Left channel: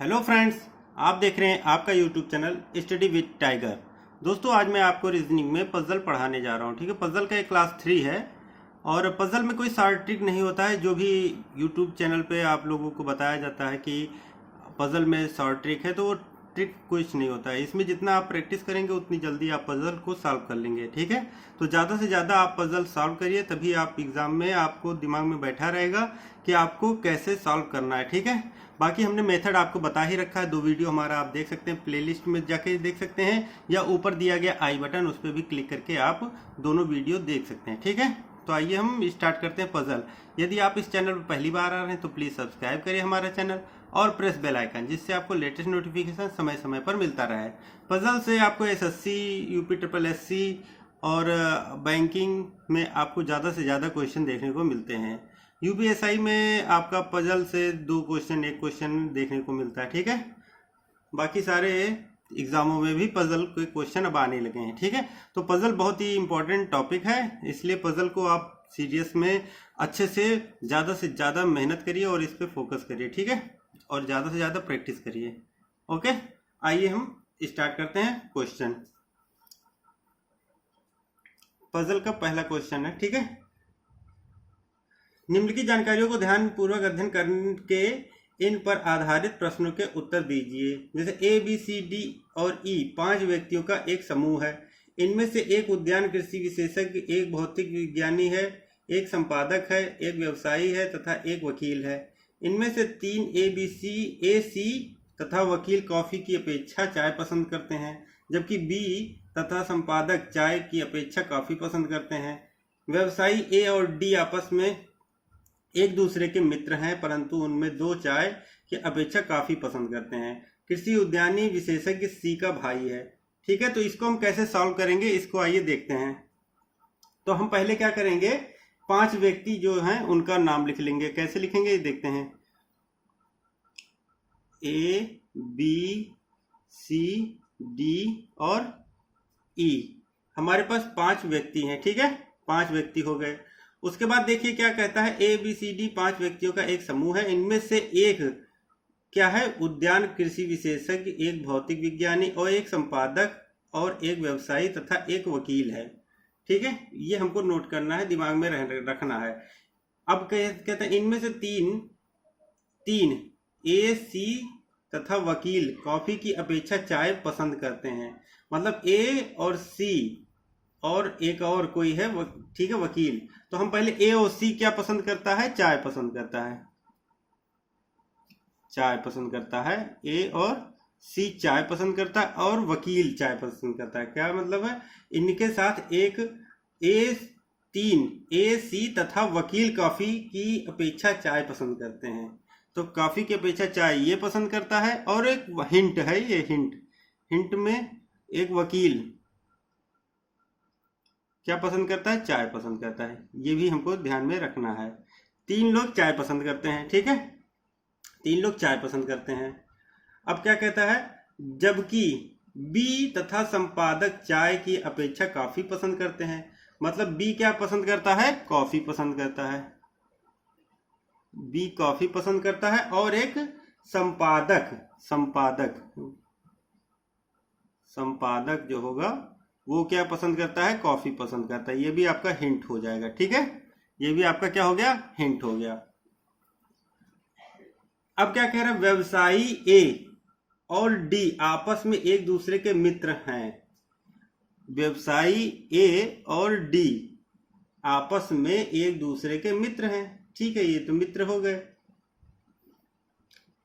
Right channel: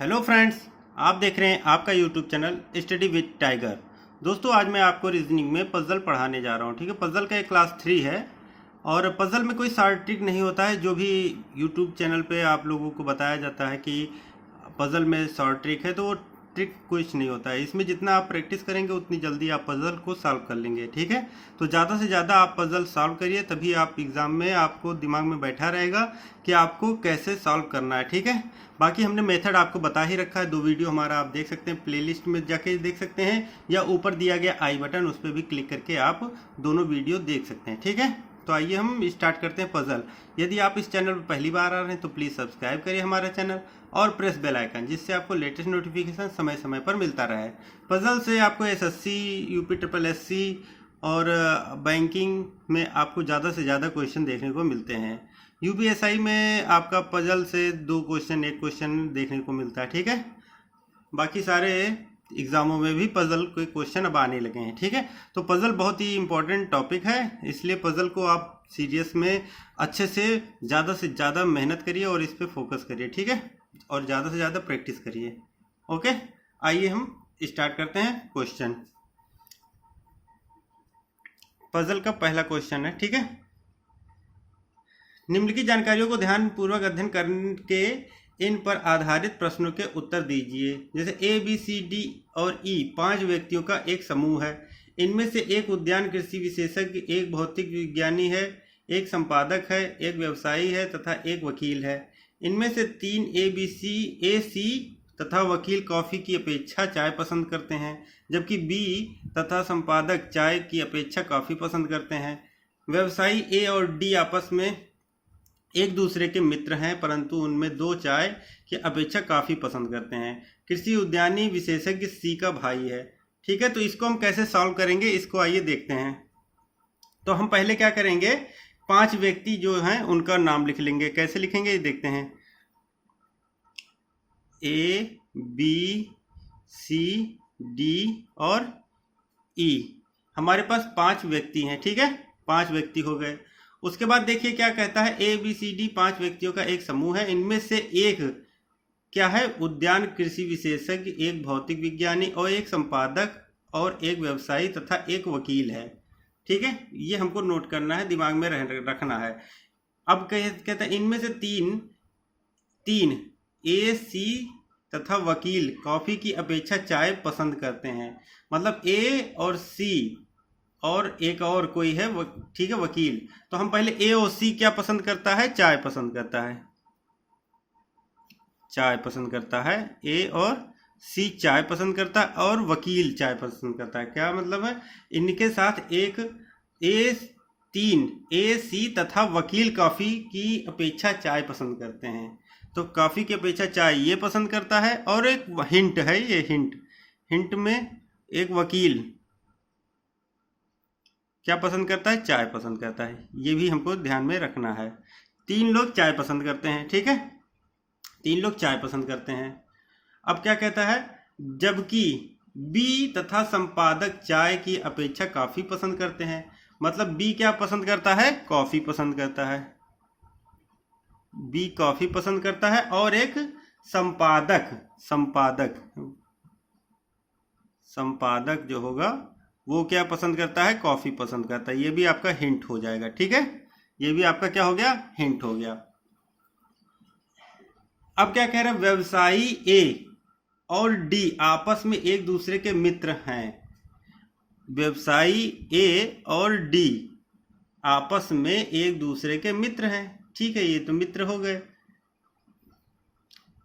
Hello friends, आप देख रहे हैं आपका YouTube channel study with tiger. दोस्तों, आज मैं आपको रीजनिंग में पजल पढ़ाने जा रहा हूं। ठीक है, पजल का एक क्लास 3 है और पजल में कोई शार्ट ट्रिक नहीं होता है। जो भी यूट्यूब चैनल पे आप लोगों को बताया जाता है कि पजल में शॉर्ट ट्रिक है, तो वो ट्रिक कुछ नहीं होता है। इसमें जितना आप प्रैक्टिस करेंगे उतनी जल्दी आप पजल को सॉल्व कर लेंगे। ठीक है, तो ज़्यादा से ज़्यादा आप पजल सॉल्व करिए, तभी आप एग्ज़ाम में आपको दिमाग में बैठा रहेगा कि आपको कैसे सॉल्व करना है। ठीक है, बाकी हमने मेथड आपको बता ही रखा है। 2 वीडियो हमारा आप देख सकते हैं, प्लेलिस्ट में जाके देख सकते हैं, या ऊपर दिया गया आई बटन, उस पर भी क्लिक करके आप दोनों वीडियो देख सकते हैं। ठीक है, तो आइए हम स्टार्ट करते हैं पजल। यदि आप इस चैनल पर पहली बार आ रहे हैं तो प्लीज़ सब्सक्राइब करिए हमारा चैनल और प्रेस बेल आइकन, जिससे आपको लेटेस्ट नोटिफिकेशन समय समय पर मिलता रहे। पजल से आपको एसएससी, यूपी ट्रिपल एससी और बैंकिंग में आपको ज़्यादा से ज़्यादा क्वेश्चन देखने को मिलते हैं। यूपीएसआई में आपका पजल से 2 क्वेश्चन, 1 क्वेश्चन देखने को मिलता है। ठीक है, बाकी सारे एग्जामों में भी पजल के क्वेश्चन अब आने लगे हैं। ठीक है, तो पजल बहुत ही इंपॉर्टेंट टॉपिक है, इसलिए पजल को आप सीरियस में अच्छे से ज़्यादा मेहनत करिए और इस पर फोकस करिए। ठीक है, और ज़्यादा से ज़्यादा प्रैक्टिस करिए। ओके, आइए हम स्टार्ट करते हैं क्वेश्चन। पजल का पहला क्वेश्चन है। ठीक है, निम्नलिखित जानकारियों को ध्यानपूर्वक अध्ययन करके इन पर आधारित प्रश्नों के उत्तर दीजिए। जैसे ए, बी, सी, डी और ई 5 व्यक्तियों का एक समूह है। इनमें से एक उद्यान कृषि विशेषज्ञ, एक भौतिक विज्ञानी है, एक संपादक है, एक व्यवसायी है तथा एक वकील है। इनमें से 3 ए, सी तथा वकील कॉफी की अपेक्षा चाय पसंद करते हैं, जबकि बी तथा संपादक चाय की अपेक्षा कॉफी पसंद करते हैं। व्यवसायी ए और डी आपस में एक दूसरे के मित्र हैं, परंतु उनमें 2 चाय की अपेक्षा काफ़ी पसंद करते हैं। कृषि उद्यानी विशेषज्ञ सी का भाई है। ठीक है, तो इसको हम कैसे सॉल्व करेंगे, इसको आइए देखते हैं। तो हम पहले क्या करेंगे, 5 व्यक्ति जो हैं उनका नाम लिख लेंगे। कैसे लिखेंगे ये देखते हैं। ए, बी, सी, डी और ई, हमारे पास 5 व्यक्ति हैं। ठीक है, 5 व्यक्ति हो गए। उसके बाद देखिए क्या कहता है, ए, बी, सी, डी 5 व्यक्तियों का एक समूह है। इनमें से एक क्या है, उद्यान कृषि विशेषज्ञ, एक भौतिक विज्ञानी और एक संपादक और एक व्यवसायी तथा एक वकील है। ठीक है, ये हमको नोट करना है, दिमाग में रखना है। अब कहते हैं इनमें से तीन ए, सी तथा वकील कॉफी की अपेक्षा चाय पसंद करते हैं। मतलब ए और सी और एक और कोई है, ठीक है, वकील। तो हम पहले ए और सी क्या पसंद करता है, चाय पसंद करता है। चाय पसंद करता है, ए और सी चाय पसंद करता है और वकील चाय पसंद करता है। क्या मतलब है, इनके साथ एक ए, सी तथा वकील कॉफी की अपेक्षा चाय पसंद करते हैं। तो कॉफी की अपेक्षा चाय ये पसंद करता है। और एक हिंट है, ये हिंट में एक वकील क्या पसंद करता है, चाय पसंद करता है। ये भी हमको ध्यान में रखना है। 3 लोग चाय पसंद करते हैं। ठीक है, 3 लोग चाय पसंद करते हैं। अब क्या कहता है, जबकि बी तथा संपादक चाय की अपेक्षा कॉफी पसंद करते हैं। मतलब बी क्या पसंद करता है, कॉफी पसंद करता है। बी कॉफी पसंद करता है और एक संपादक जो होगा वो क्या पसंद करता है, कॉफी पसंद करता है। ये भी आपका हिंट हो जाएगा। ठीक है, ये भी आपका क्या हो गया, हिंट हो गया। अब क्या कह रहा है, व्यवसायी ए और डी आपस में एक दूसरे के मित्र हैं। व्यवसायी ए और डी आपस में एक दूसरे के मित्र हैं। ठीक है, ये तो मित्र हो गए,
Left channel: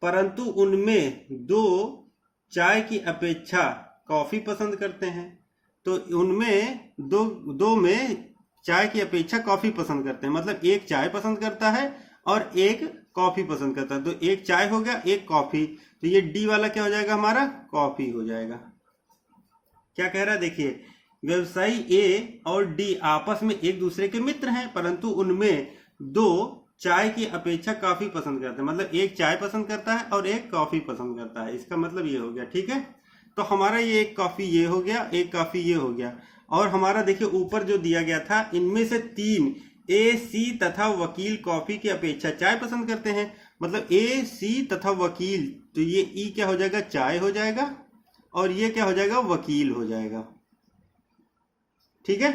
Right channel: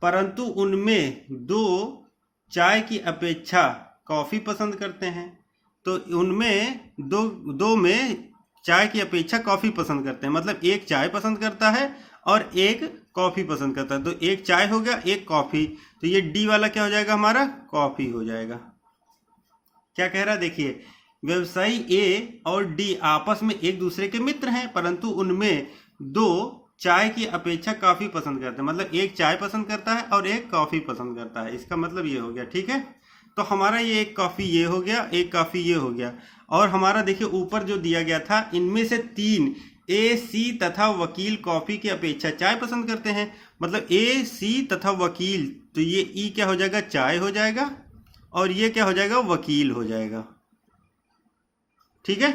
परंतु उनमें 2 चाय की अपेक्षा कॉफी पसंद करते हैं। तो उनमें दो में चाय की अपेक्षा कॉफी पसंद करते हैं। मतलब एक चाय पसंद करता है और एक कॉफी पसंद करता है। तो एक चाय हो गया, एक कॉफी। तो ये डी वाला क्या हो जाएगा, हमारा कॉफी हो जाएगा। क्या कह रहा है, देखिए, व्यवसायी ए और डी आपस में एक दूसरे के मित्र हैं, परंतु उनमें 2 चाय की अपेक्षा कॉफी पसंद करते हैं। मतलब एक चाय पसंद करता है और एक कॉफी पसंद करता है। इसका मतलब ये हो गया। ठीक है, तो हमारा ये एक कॉफी ये हो गया, एक कॉफी ये हो गया। और हमारा देखिए ऊपर जो दिया गया था, इनमें से 3 ए, सी तथा वकील कॉफी की अपेक्षा चाय पसंद करते हैं। मतलब ए सी तथा वकील, तो ये ई क्या हो जाएगा, चाय हो जाएगा, और ये क्या हो जाएगा, वकील हो जाएगा। ठीक है,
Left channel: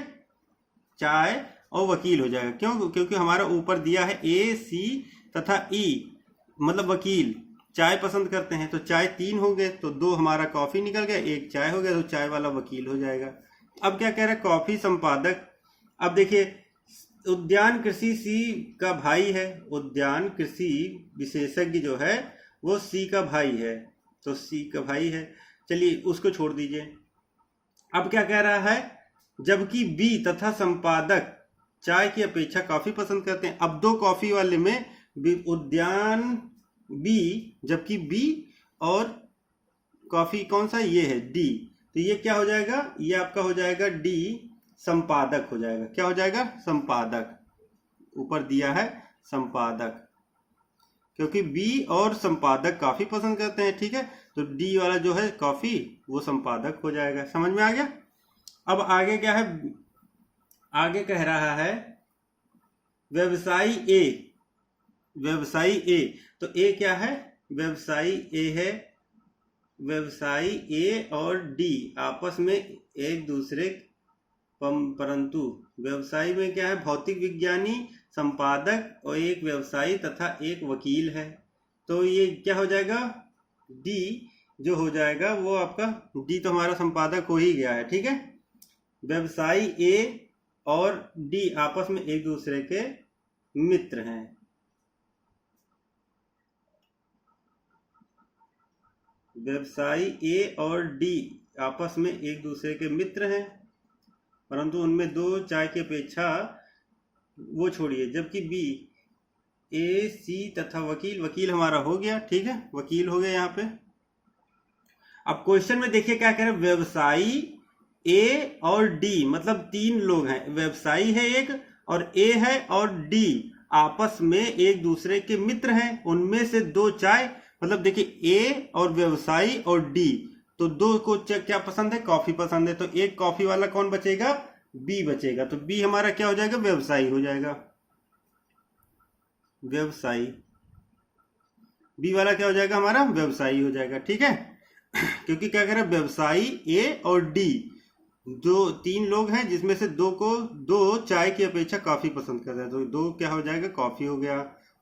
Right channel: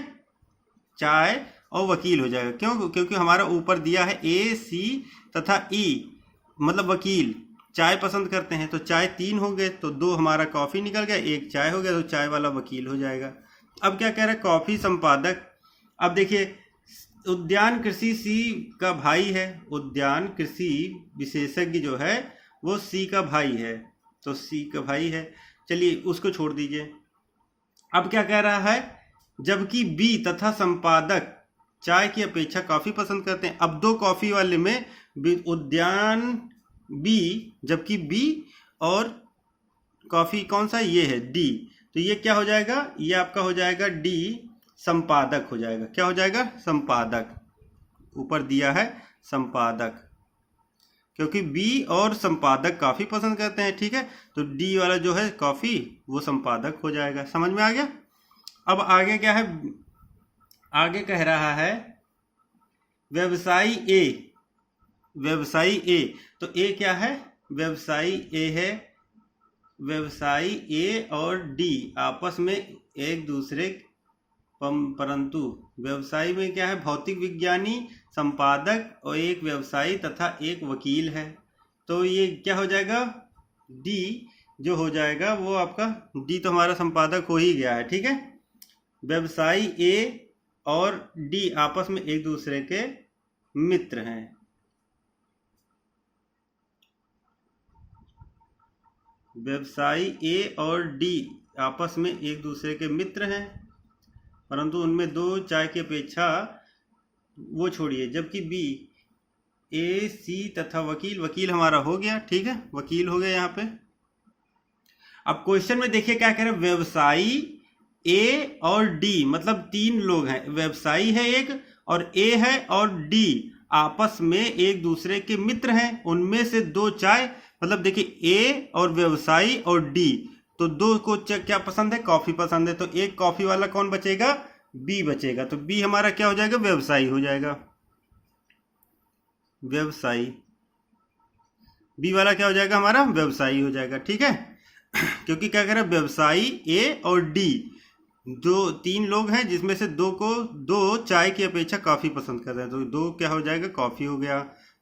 चाय और वकील हो जाएगा। क्यों? क्योंकि हमारा ऊपर दिया है ए सी तथा ई, मतलब वकील चाय पसंद करते हैं, तो चाय 3 हो गए, तो 2 हमारा कॉफी निकल गया, 1 चाय हो गया, तो चाय वाला वकील हो जाएगा। अब क्या कह रहा है, कॉफी संपादक। अब देखिए, उद्यान कृषि सी का भाई है, उद्यान कृषि विशेषज्ञ जो है वो सी का भाई है, तो सी का भाई है, चलिए उसको छोड़ दीजिए। अब क्या कह रहा है, जबकि बी तथा संपादक चाय की अपेक्षा कॉफी पसंद करते हैं। अब 2 कॉफी वाले में उद्यान बी, जबकि बी और कॉफी कौन सा, ये है डी, तो ये क्या हो जाएगा, ये आपका हो जाएगा डी, संपादक हो जाएगा। क्या हो जाएगा, संपादक। ऊपर दिया है संपादक, क्योंकि बी और संपादक काफी पसंद करते हैं। ठीक है, तो डी वाला जो है कॉफी वो संपादक हो जाएगा। समझ में आ गया। अब आगे क्या है, आगे कह रहा है व्यवसायी ए, व्यवसायी ए, तो ए क्या है, व्यवसायी ए है। व्यवसायी ए और डी आपस में एक दूसरे, परंतु व्यवसायी में क्या है, भौतिक विज्ञानी, संपादक और एक व्यवसायी तथा एक वकील है, तो ये क्या हो जाएगा, डी जो हो जाएगा वो आपका, डी तो हमारा संपादक हो ही गया है। ठीक है, व्यवसायी ए और डी आपस में एक दूसरे के मित्र हैं। व्यवसायी ए और डी आपस में एक दूसरे के मित्र हैं, परंतु उनमें 2 चाय की अपेक्षा, वो छोड़िए, जबकि बी, ए सी तथा वकील, वकील हमारा हो गया। ठीक है, वकील हो गया यहाँ पे। अब क्वेश्चन में देखिए क्या कह रहे हैं, व्यवसायी ए और डी, मतलब 3 लोग हैं, व्यवसायी है एक और ए है और डी आपस में एक दूसरे के मित्र हैं, उनमें से 2 चाय, मतलब देखिए ए और व्यवसायी और डी, तो 2 को क्या पसंद है, कॉफी पसंद है, तो एक कॉफी वाला कौन बचेगा, बी बचेगा, तो बी हमारा क्या हो जाएगा, व्यवसायी हो जाएगा। व्यवसायी, बी वाला क्या हो जाएगा, हमारा व्यवसायी हो जाएगा। ठीक है, क्योंकि क्या कह रहा है, व्यवसायी ए और डी, जो 3 लोग हैं जिसमें से 2 चाय की अपेक्षा कॉफी पसंद कर रहे हैं, तो 2 क्या हो जाएगा, कॉफी हो गया।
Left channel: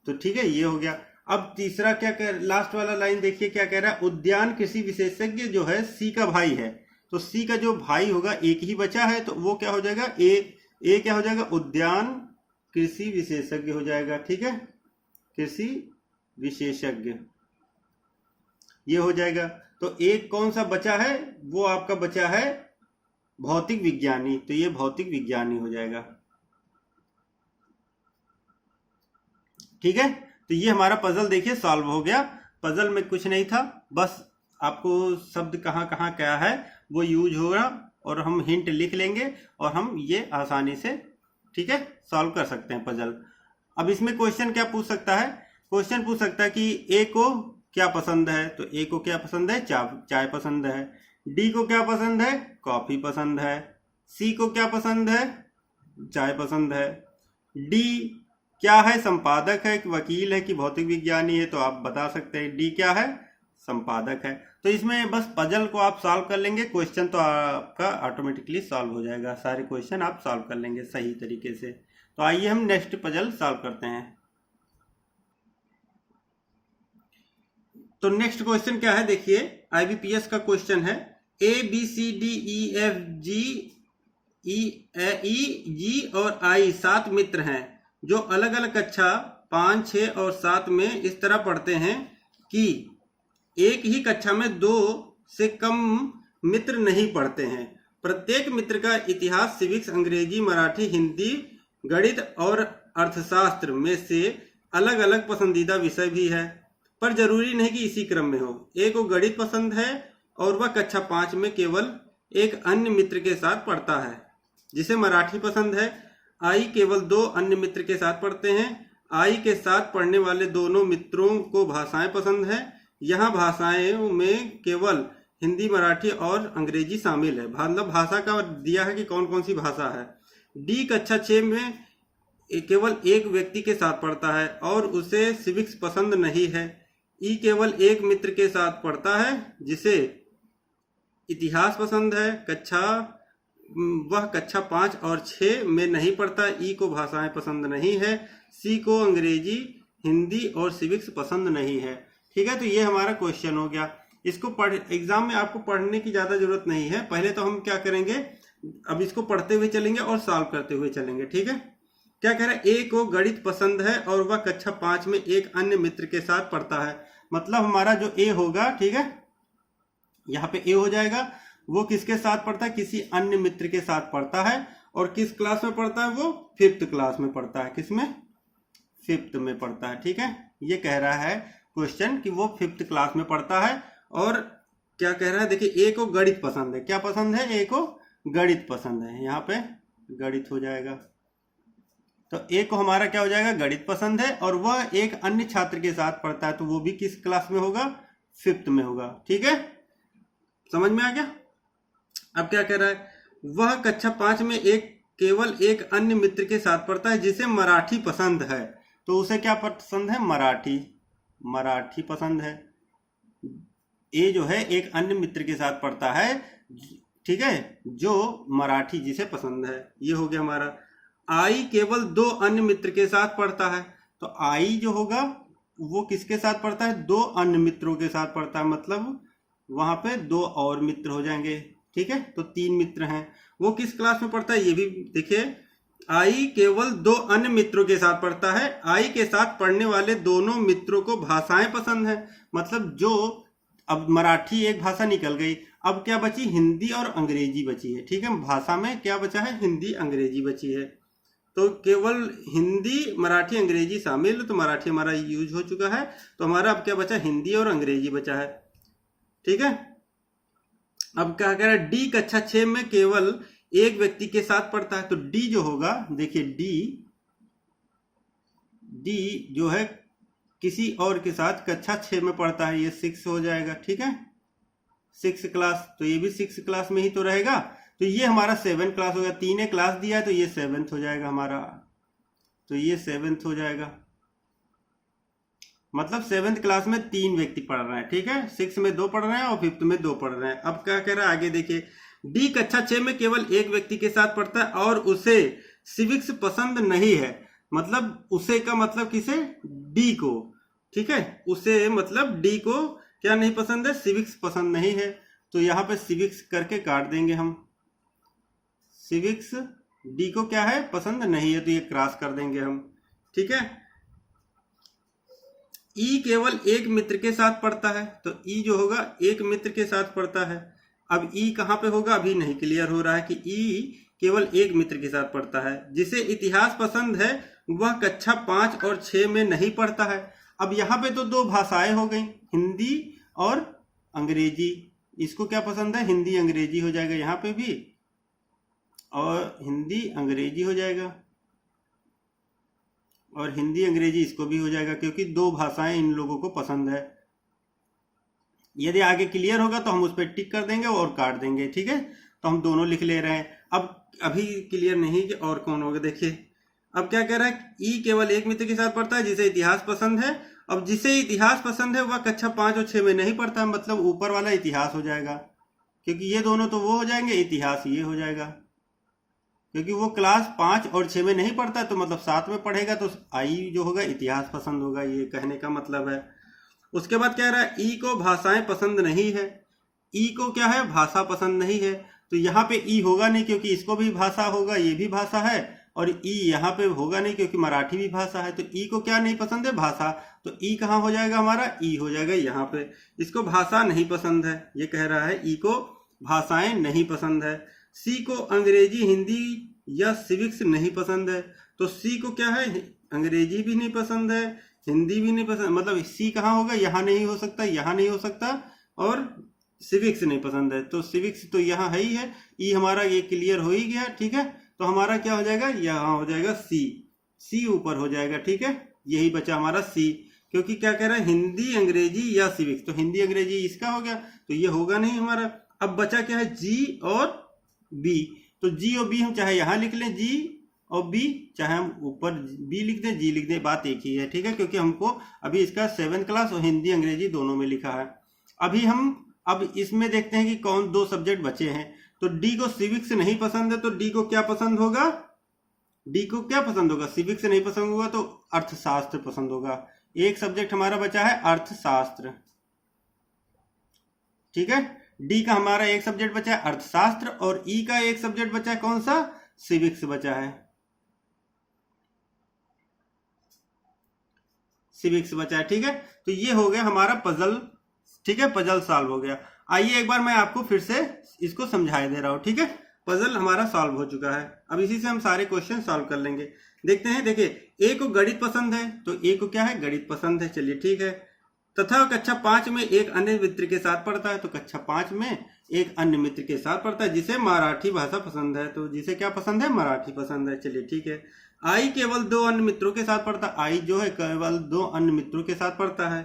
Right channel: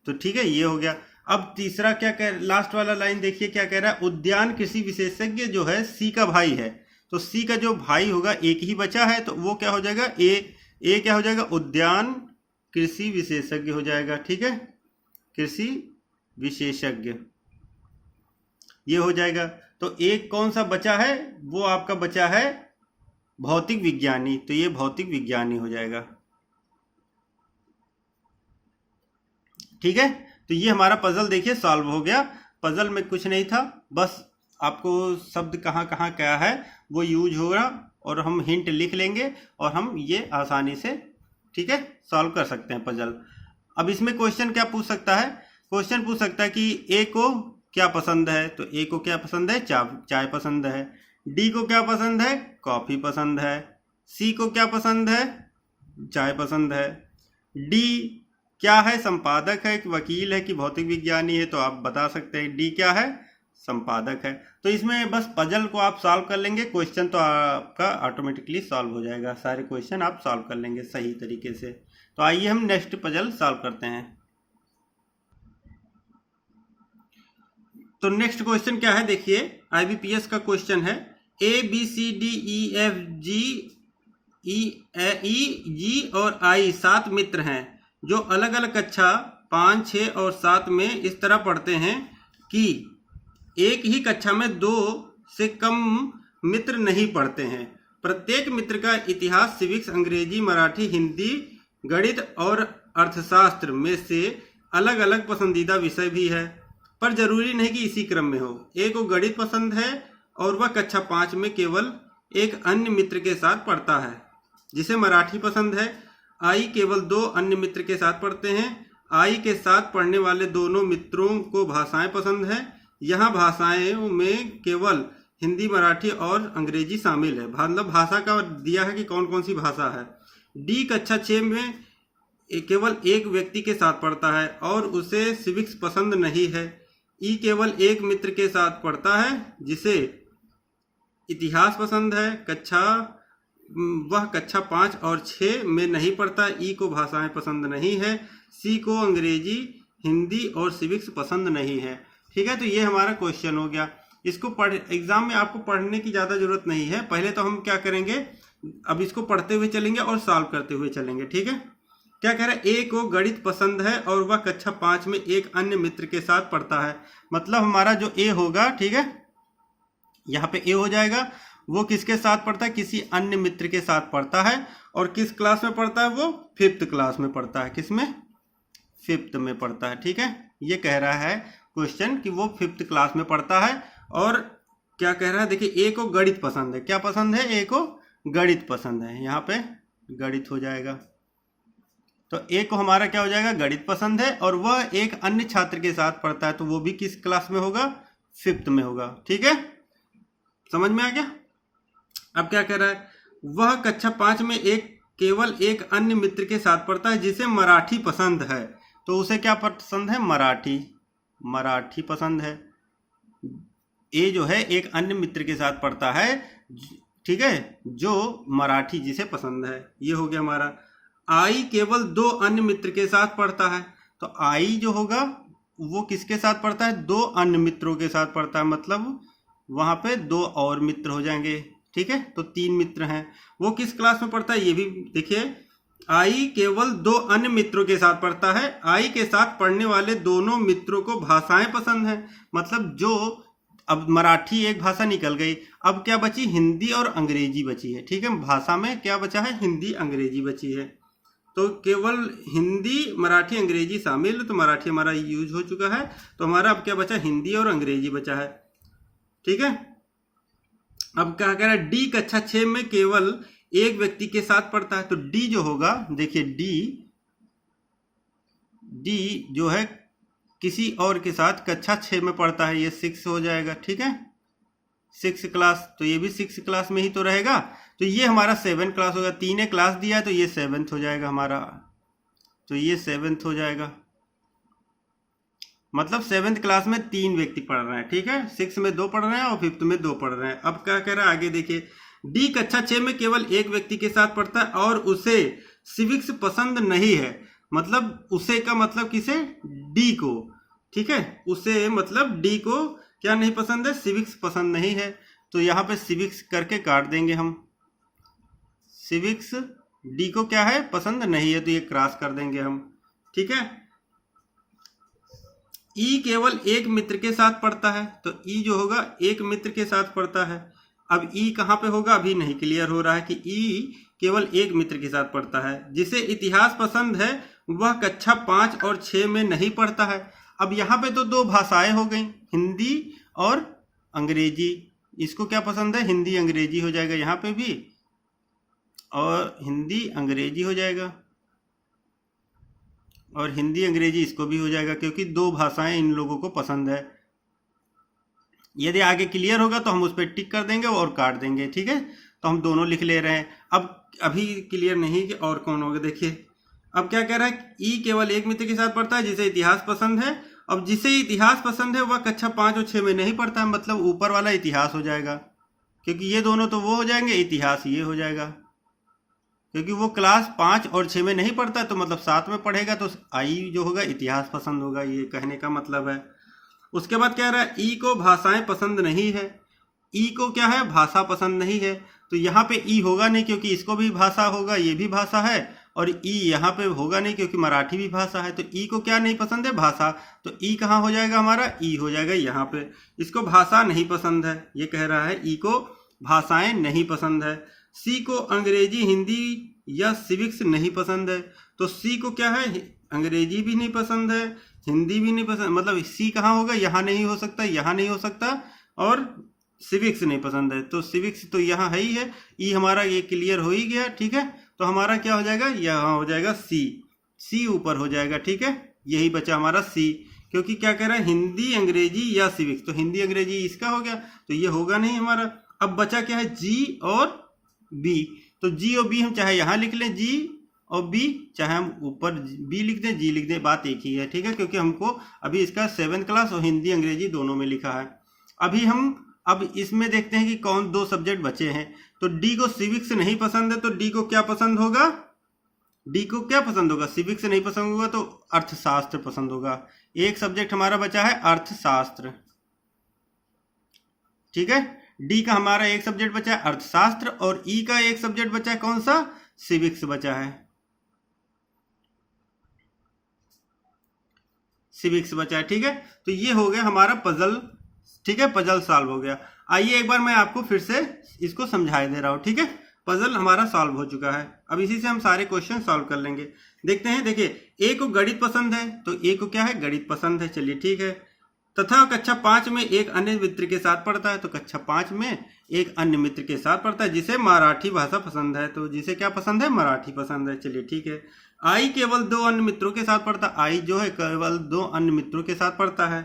तो ठीक है, ये हो गया। अब तीसरा क्या कह, लास्ट वाला लाइन देखिए क्या कह रहा है, उद्यान कृषि विशेषज्ञ जो है सी का भाई है, तो सी का जो भाई होगा, एक ही बचा है, तो वो क्या हो जाएगा, ए क्या हो जाएगा, उद्यान कृषि विशेषज्ञ हो जाएगा। ठीक है, कृषि विशेषज्ञ ये हो जाएगा। तो एक कौन सा बचा है, वो आपका बचा है भौतिक विज्ञानी, तो ये भौतिक विज्ञानी हो जाएगा। ठीक है, तो ये हमारा पजल देखिए सॉल्व हो गया। पजल में कुछ नहीं था, बस आपको शब्द कहाँ कहाँ क्या है वो यूज होगा, और हम हिंट लिख लेंगे और हम ये आसानी से, ठीक है, सॉल्व कर सकते हैं पजल। अब इसमें क्वेश्चन क्या पूछ सकता है, क्वेश्चन पूछ सकता है कि ए को क्या पसंद है, तो ए को क्या पसंद है, चाय पसंद है। डी को क्या पसंद है, कॉफी पसंद है। सी को क्या पसंद है, चाय पसंद है। डी क्या है, संपादक है कि वकील है कि भौतिक विज्ञानी है, तो आप बता सकते हैं डी क्या है, संपादक है। तो इसमें बस पजल को आप सॉल्व कर लेंगे, क्वेश्चन तो आपका ऑटोमेटिकली सॉल्व हो जाएगा, सारे क्वेश्चन आप सॉल्व कर लेंगे सही तरीके से। तो आइए हम नेक्स्ट पजल सॉल्व करते हैं। तो नेक्स्ट क्वेश्चन क्या है, देखिए आईबीपीएस का क्वेश्चन है, A B C D E F G और आई 7 मित्र हैं जो अलग अलग कक्षा 5, 6 और 7 में इस तरह पढ़ते हैं कि एक ही कक्षा में 2 से कम मित्र नहीं पढ़ते हैं। प्रत्येक मित्र का इतिहास, सिविक्स, अंग्रेजी, मराठी, हिंदी, गणित और अर्थशास्त्र में से अलग अलग पसंदीदा विषय भी है, पर जरूरी नहीं कि इसी क्रम में हो। ए को गणित पसंद है और वह कक्षा 5 में केवल एक अन्य मित्र के साथ पढ़ता है। जिसे मराठी पसंद है, आई केवल 2 अन्य मित्र के साथ पढ़ते हैं। आई के साथ पढ़ने वाले दोनों मित्रों को भाषाएं पसंद है। यहाँ भाषाओं में केवल हिंदी, मराठी और अंग्रेजी शामिल है। मतलब भाषा का दिया है कि कौन कौन सी भाषा है। डी कक्षा 6 में केवल एक व्यक्ति के साथ पढ़ता है और उसे सिविक्स पसंद नहीं है। ई केवल एक मित्र के साथ पढ़ता है जिसे इतिहास पसंद है। वह कक्षा 5 और 6 में नहीं पढ़ता। ई को भाषाएं पसंद नहीं है। सी को अंग्रेजी, हिंदी और सिविक्स पसंद नहीं है। ठीक है, तो ये हमारा क्वेश्चन हो गया। इसको एग्जाम में आपको पढ़ने की ज़्यादा जरूरत नहीं है। पहले तो हम क्या करेंगे, अब इसको पढ़ते हुए चलेंगे और सॉल्व करते हुए चलेंगे। ठीक है, क्या कह रहा है, ए को गणित पसंद है और वह कक्षा 5 में एक अन्य मित्र के साथ पढ़ता है। मतलब हमारा जो ए होगा, ठीक है, यहाँ पे ए हो जाएगा, वो किसके साथ पढ़ता है, किसी अन्य मित्र के साथ पढ़ता है। और किस क्लास में पढ़ता है, वो 5th क्लास में पढ़ता है। किसमें, 5th में पढ़ता है। ठीक है, ये कह रहा है क्वेश्चन कि वो 5th क्लास में पढ़ता है। और क्या कह रहा है, देखिए, ए को गणित पसंद है। क्या पसंद है, ए को गणित पसंद है। यहाँ पे गणित हो जाएगा, तो ए को हमारा क्या हो जाएगा, गणित पसंद है और वह एक अन्य छात्र के साथ पढ़ता है। तो वो भी किस क्लास में होगा, 5th में होगा। ठीक है, समझ में आ गया। अब क्या कह रहा है, वह कक्षा 5 में केवल एक अन्य मित्र के साथ पढ़ता है जिसे मराठी पसंद है। तो उसे क्या पसंद है, मराठी पसंद है। ए जो है एक अन्य मित्र के साथ पढ़ता है, ठीक है, जो मराठी जिसे पसंद है। ये हो गया हमारा। आई केवल 2 अन्य मित्र के साथ पढ़ता है। तो आई जो होगा वो किसके साथ पढ़ता है, 2 अन्य मित्रों के साथ पढ़ता है। मतलब वहां पे 2 और मित्र हो जाएंगे। ठीक है, तो 3 मित्र हैं। वो किस क्लास में पढ़ता है, ये भी देखिए, आई केवल 2 अन्य मित्रों के साथ पढ़ता है। आई के साथ पढ़ने वाले दोनों मित्रों को भाषाएं पसंद है। मतलब जो, अब मराठी एक भाषा निकल गई, अब क्या बची, हिंदी और अंग्रेजी बची है। ठीक है, भाषा में क्या बचा है, हिंदी अंग्रेजी बची है। तो केवल हिंदी, मराठी, अंग्रेजी शामिल। तो मराठी हमारा यूज हो चुका है, तो हमारा अब क्या बचा, हिंदी और अंग्रेजी बचा है। ठीक है, अब क्या कह रहा है, डी कक्षा 6 में केवल एक व्यक्ति के साथ पढ़ता है। तो डी जो होगा, देखिए डी जो है किसी और के साथ कक्षा 6 में पढ़ता है। ये 6 हो जाएगा। ठीक है, 6 क्लास, तो ये भी 6 क्लास में ही तो रहेगा। तो ये हमारा 7 क्लास होगा। 3 क्लास दिया है तो ये 7th हो जाएगा हमारा। तो ये 7th हो जाएगा। मतलब 7th क्लास में 3 व्यक्ति पढ़ रहे हैं। ठीक है, 6 में 2 पढ़ रहे हैं और 5th में 2 पढ़ रहे हैं। अब क्या कह रहा है आगे देखिए, डी कक्षा 6 में केवल एक व्यक्ति के साथ पढ़ता है और उसे सिविक्स पसंद नहीं है। मतलब उसे का मतलब किसे, डी को। ठीक है, उसे मतलब डी को क्या नहीं पसंद है, सिविक्स पसंद नहीं है। तो यहाँ पे सिविक्स करके काट देंगे हम। सिविक्स डी को क्या है, पसंद नहीं है, तो ये क्रॉस कर देंगे हम। ठीक है, ई केवल एक मित्र के साथ पढ़ता है। तो ई जो होगा एक मित्र के साथ पढ़ता है। अब ई कहाँ पे होगा, अभी नहीं क्लियर हो रहा है कि ई केवल एक मित्र के साथ पढ़ता है। जिसे इतिहास पसंद है वह कक्षा 5 और 6 में नहीं पढ़ता है। अब यहाँ पे तो 2 भाषाएं हो गई, हिंदी और अंग्रेजी। इसको क्या पसंद है, हिंदी अंग्रेजी हो जाएगा यहाँ पे भी, और हिंदी अंग्रेजी हो जाएगा, और हिंदी अंग्रेजी इसको भी हो जाएगा, क्योंकि 2 भाषाएं इन लोगों को पसंद है। यदि आगे क्लियर होगा तो हम उस पर टिक कर देंगे और काट देंगे। ठीक है, तो हम दोनों लिख ले रहे हैं। अब अभी क्लियर नहीं कि और कौन होगा। देखिए, अब क्या कह रहा है, ई केवल एक मित्र के साथ पढ़ता है जिसे इतिहास पसंद है। अब जिसे इतिहास पसंद है वह कक्षा 5 और 6 में नहीं पढ़ता है। मतलब ऊपर वाला इतिहास हो जाएगा, क्योंकि ये दोनों तो वो हो जाएंगे, इतिहास ये हो जाएगा, क्योंकि वो क्लास 5 और 6 में नहीं पढ़ता, तो मतलब 7 में पढ़ेगा। तो आई जो होगा इतिहास पसंद होगा, ये कहने का मतलब है। उसके बाद क्या रहा है, ई को भाषाएं पसंद नहीं है। ई को क्या है, भाषा पसंद नहीं है। तो यहाँ पे ई होगा नहीं, क्योंकि इसको भी भाषा होगा, ये भी भाषा है। और ई यहाँ पे होगा नहीं, क्योंकि मराठी भी भाषा है। तो ई को क्या नहीं पसंद है, भाषा। तो ई कहाँ हो जाएगा हमारा, ई हो जाएगा यहाँ पे। इसको भाषा नहीं पसंद है, ये कह रहा है ई को भाषाएं नहीं पसंद है। सी को अंग्रेजी, हिंदी या सिविक्स नहीं पसंद है। तो सी को क्या है, अंग्रेजी भी नहीं पसंद है, हिंदी भी नहीं पसंद। मतलब सी कहाँ होगा, यहाँ नहीं हो सकता, यहाँ नहीं हो सकता, और सिविक्स नहीं पसंद है। तो सिविक्स तो यहाँ है ही है। ई हमारा ये क्लियर हो ही गया। ठीक है, तो हमारा क्या हो जाएगा, यहाँ हो जाएगा सी। सी ऊपर हो जाएगा। ठीक है, यही बचा हमारा सी, क्योंकि क्या कह रहा है, हिंदी अंग्रेजी या सिविक्स। तो हिंदी अंग्रेजी इसका हो गया, तो ये होगा नहीं हमारा। अब बचा क्या है, जी और बी। तो जी और बी हम चाहे यहाँ लिख लें, जी और बी, चाहे हम ऊपर बी लिख दें जी लिख दें, बात एक ही है, ठीक है, क्योंकि हमको अभी इसका 7th क्लास और हिंदी अंग्रेजी दोनों में लिखा है। अब इसमें देखते हैं कि कौन 2 सब्जेक्ट बचे हैं। तो डी को सिविक्स नहीं पसंद है, तो डी को क्या पसंद होगा, सिविक्स नहीं पसंद होगा तो अर्थशास्त्र पसंद होगा। एक सब्जेक्ट हमारा बचा है अर्थशास्त्र, ठीक है। डी का हमारा एक सब्जेक्ट बचा है अर्थशास्त्र और ई का एक सब्जेक्ट बचा है कौन सा, सिविक्स बचा है, ठीक है। तो ये हो गया हमारा पजल, ठीक है, पजल सॉल्व हो गया। आइए एक बार मैं आपको फिर से इसको समझाई दे रहा हूं, ठीक है। पजल हमारा सॉल्व हो चुका है, अब इसी से हम सारे क्वेश्चन सॉल्व कर लेंगे। देखते हैं, देखिए ए को गणित पसंद है, तो ए को क्या है, गणित पसंद है, चलिए ठीक है। तथा कक्षा 5 में एक अन्य मित्र के साथ पढ़ता है, तो कक्षा 5 में एक अन्य मित्र के साथ पढ़ता है जिसे मराठी भाषा पसंद है, तो जिसे क्या पसंद है, मराठी पसंद है, चलिए ठीक है। आई केवल 2 अन्य मित्रों के साथ पढ़ता है, आई जो है केवल 2 अन्य मित्रों के साथ पढ़ता है।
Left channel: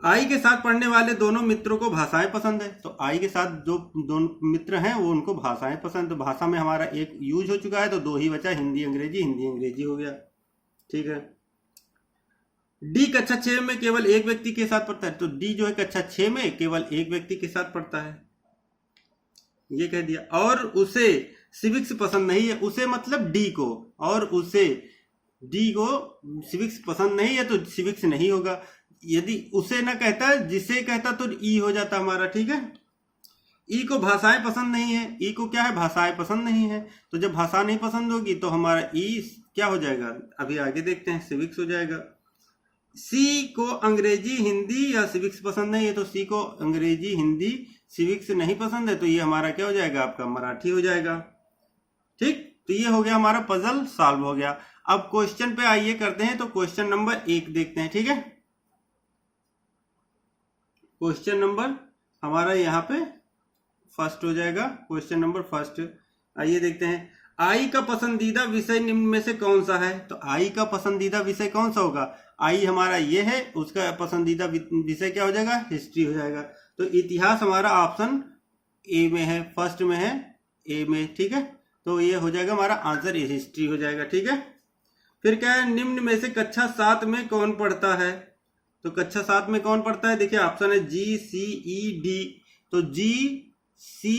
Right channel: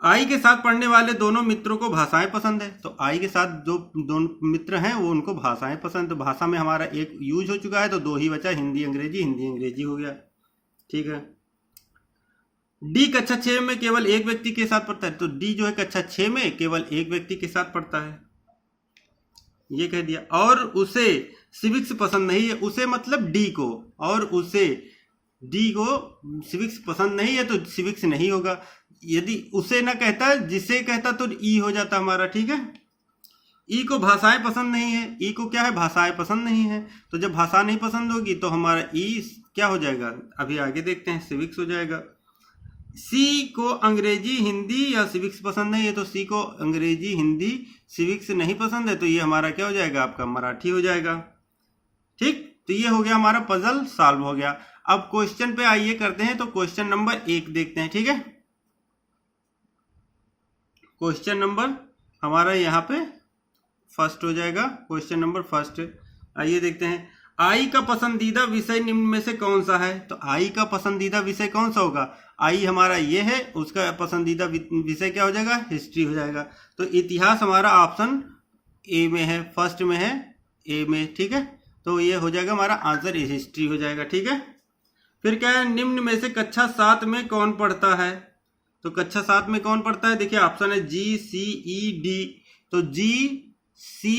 आई के साथ पढ़ने वाले दोनों मित्रों को भाषाएं पसंद है, तो आई के साथ जो दोनों मित्र हैं वो उनको भाषाएं पसंद, तो भाषा में हमारा एक यूज हो चुका है, तो 2 ही बचा, हिंदी अंग्रेजी हो गया, ठीक है। डी कक्षा 6 में केवल एक व्यक्ति के साथ पढ़ता है, तो डी जो है कक्षा 6 में केवल एक व्यक्ति के साथ पढ़ता है, ये कह दिया। और उसे सिविक्स पसंद नहीं है, उसे मतलब डी को, और उसे डी को सिविक्स पसंद नहीं है तो सिविक्स नहीं होगा। यदि उसे ना कहता है, जिसे कहता तो ई हो जाता हमारा, ठीक है। ई को भाषाएं पसंद नहीं है, ई को क्या है, भाषाएं पसंद नहीं है, तो जब भाषा नहीं पसंद होगी तो हमारा ई क्या हो जाएगा, अभी आगे देखते हैं, सिविक्स हो जाएगा। सी को अंग्रेजी हिंदी या सिविक्स पसंद नहीं है, तो सी को अंग्रेजी हिंदी सिविक्स नहीं पसंद है, तो ये हमारा क्या हो जाएगा, आपका मराठी हो जाएगा, ठीक। तो ये हो गया हमारा पजल सॉल्व हो गया। अब क्वेश्चन पे आइए करते हैं, तो क्वेश्चन नंबर 1 देखते हैं, ठीक है। क्वेश्चन नंबर हमारा यहाँ पे फर्स्ट हो जाएगा, क्वेश्चन नंबर फर्स्ट। आइए देखते हैं, आई का पसंदीदा विषय निम्न में से कौन सा है, तो आई का पसंदीदा विषय कौन सा होगा, आई हमारा ये है, उसका पसंदीदा विषय क्या हो जाएगा, हिस्ट्री हो जाएगा। तो इतिहास हमारा ऑप्शन ए में है, फर्स्ट में है, ए में, ठीक है। तो ये हो जाएगा हमारा आंसर, हिस्ट्री हो जाएगा, ठीक है। फिर क्या है, निम्न में से कक्षा 7 में कौन पढ़ता है, तो कक्षा 7 में कौन पढ़ता है, देखिए ऑप्शन है जी, सी, ई, डी, तो जी, सी,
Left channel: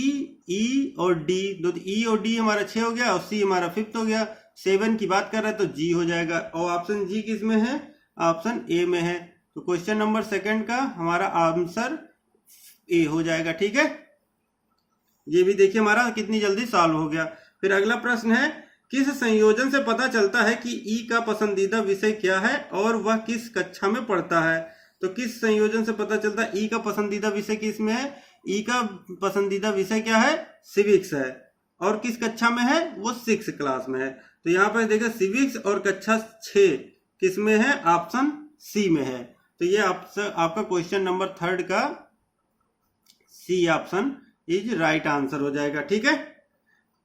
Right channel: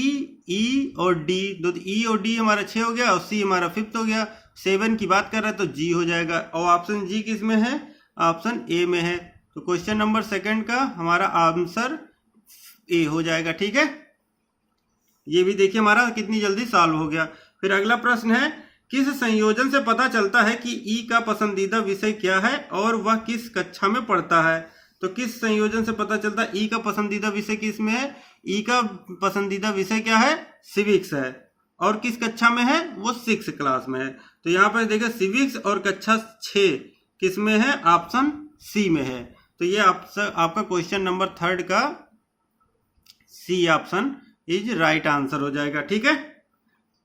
ई और डी, तो ई और डी हमारा 6 हो गया और सी हमारा 5th हो गया। 7 की बात कर रहा है तो जी हो जाएगा, और ऑप्शन जी किस में है, ऑप्शन ए में है। तो क्वेश्चन नंबर 2 का हमारा आंसर ए हो जाएगा, ठीक है। ये भी देखिए हमारा कितनी जल्दी सॉल्व हो गया। फिर अगला प्रश्न है, किस संयोजन से पता चलता है कि ई का पसंदीदा विषय क्या है और वह किस कक्षा में पढ़ता है, तो किस संयोजन से पता चलता है ई का पसंदीदा विषय किस में है, ई का पसंदीदा विषय क्या है, सिविक्स है, और किस कक्षा में है, वो 6th क्लास में है। तो यहाँ पर देखिए सिविक्स और कक्षा 6 किस में है, ऑप्शन सी में है। तो ये आपका क्वेश्चन नंबर 3 का C option is right answer हो जाएगा, ठीक है।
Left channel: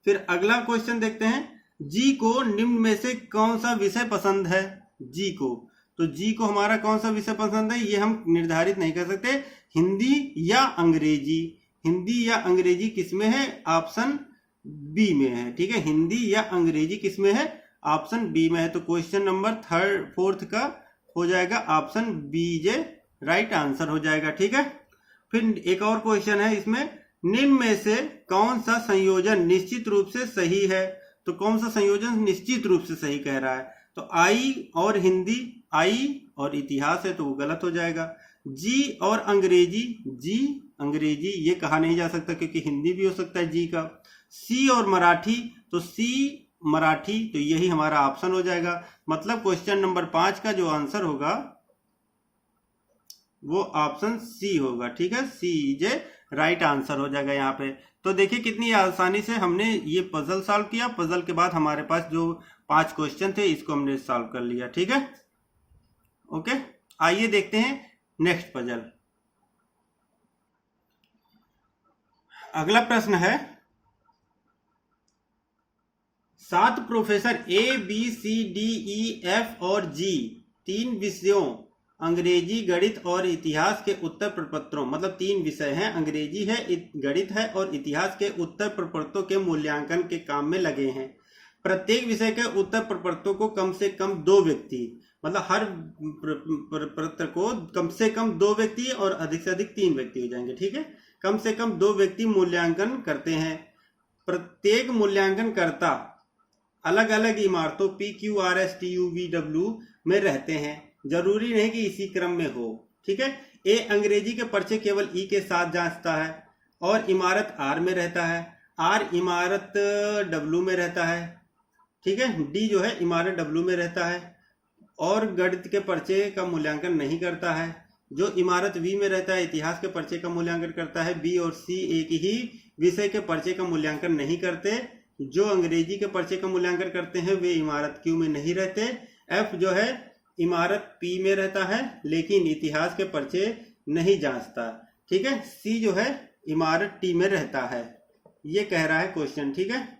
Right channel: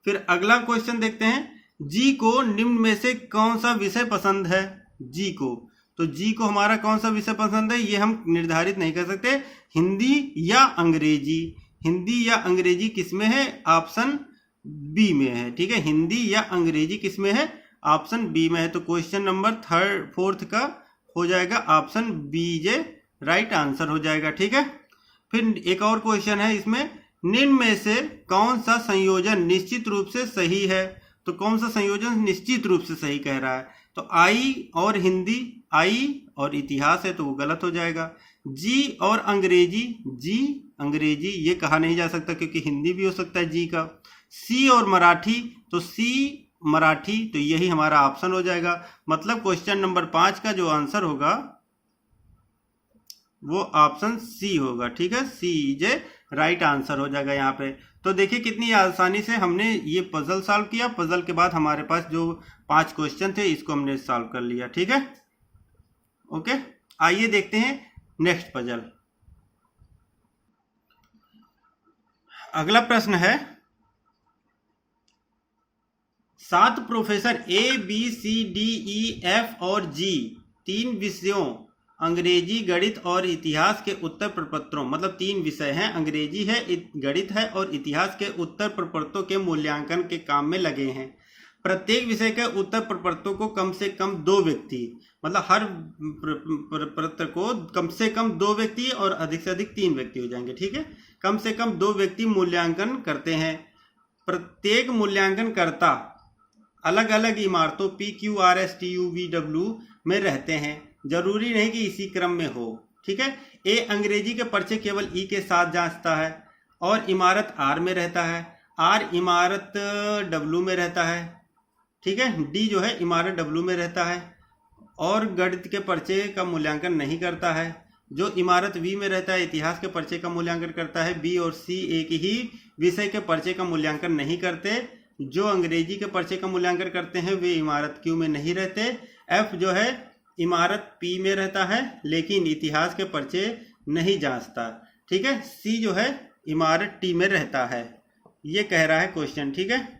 फिर अगला क्वेश्चन देखते हैं, जी को निम्न में से कौन सा विषय पसंद है, जी को, तो जी को हमारा कौन सा विषय पसंद है, ये हम निर्धारित नहीं कर सकते, हिंदी या अंग्रेजी, हिंदी या अंग्रेजी किस में है, ऑप्शन बी में है, ठीक है। हिंदी या अंग्रेजी किस में है, ऑप्शन बी में है। तो क्वेश्चन नंबर 4th का हो जाएगा option B J right answer हो जाएगा, ठीक है। फिर एक और क्वेश्चन है इसमें, निम्न में से कौन सा संयोजन निश्चित रूप से सही है, तो कौन सा संयोजन निश्चित रूप से सही कह रहा है, तो आई और हिंदी, आई और इतिहास है तो वो गलत हो जाएगा। जी और अंग्रेजी, जी अंग्रेजी ये कहा नहीं जा सकता क्योंकि हिंदी भी हो सकता है जी का। सी और मराठी, तो सी मराठी, तो यही हमारा ऑप्शन हो जाएगा। मतलब क्वेश्चन नंबर 5 का जो आंसर होगा वो ऑप्शन सी होगा, ठीक है। सी जे राइट आंसर हो जाएगा यहाँ पे। तो देखिए कितनी आसानी से हमने ये पजल सॉल्व किया। पजल के बाद हमारे पास जो 5 क्वेश्चन थे इसको हमने सॉल्व कर लिया, ठीक है। ओके, आइए देखते हैं नेक्स्ट पजल। अगला प्रश्न है, 7 professor A B C D E F और जी 3 विषयों अंग्रेजी, गणित और इतिहास के उत्तर प्रपत्रों, मतलब 3 विषय हैं, अंग्रेजी है, गणित है और इतिहास के उत्तर प्रपत्रों के मूल्यांकन के काम में लगे हैं। प्रत्येक विषय के उत्तर प्रपत्रों को कम से कम 2 व्यक्ति, मतलब हर प्रपत्र को कम से कम 2 व्यक्ति और अधिक से अधिक 3 व्यक्ति हो जाएंगे, ठीक है। कम से कम 2 व्यक्ति मूल्यांकन करते हैं। प्रत्येक मूल्यांकनकर्ता अलग अलग इमारतों PQRSTUVW में रहते हैं, जरूरी नहीं कि इसी क्रम में हो, ठीक है। ए अंग्रेजी के पर्चे केवल ई के साथ जांचता है और इमारत आर में रहता है, आर इमारत डब्ल्यू में रहता है, ठीक है। डी जो है इमारत डब्ल्यू में रहता है और गणित के पर्चे का मूल्यांकन नहीं करता है। जो इमारत वी में रहता है इतिहास के पर्चे का मूल्यांकन करता है। बी और सी एक ही विषय के पर्चे का मूल्यांकन नहीं करते। जो अंग्रेजी के पर्चे का मूल्यांकन करते हैं वे इमारत क्यू में नहीं रहते। एफ जो है इमारत पी में रहता है लेकिन इतिहास के पर्चे नहीं जांचता, ठीक है। सी जो है इमारत टी में रहता है, ये कह रहा है क्वेश्चन, ठीक है।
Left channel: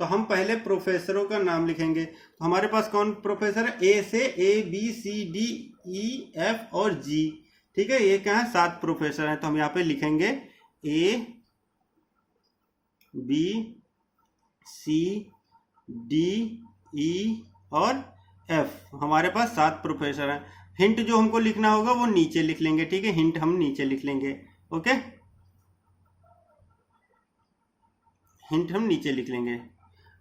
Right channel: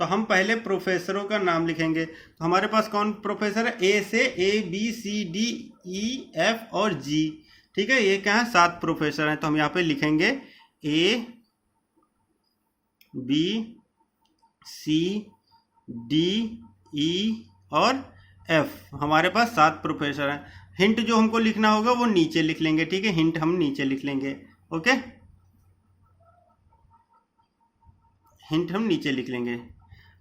तो हम पहले प्रोफेसरों का नाम लिखेंगे। तो हमारे पास कौन प्रोफेसर है? ए से ABCDEF और G, ठीक है। ये क्या है? 7 प्रोफेसर हैं। तो हम यहाँ पे लिखेंगे ABCDE और F। हमारे पास 7 प्रोफेसर हैं। हिंट जो हमको लिखना होगा वो नीचे लिख लेंगे, ठीक है। हिंट हम नीचे लिख लेंगे, ओके। हिंट हम नीचे लिख लेंगे।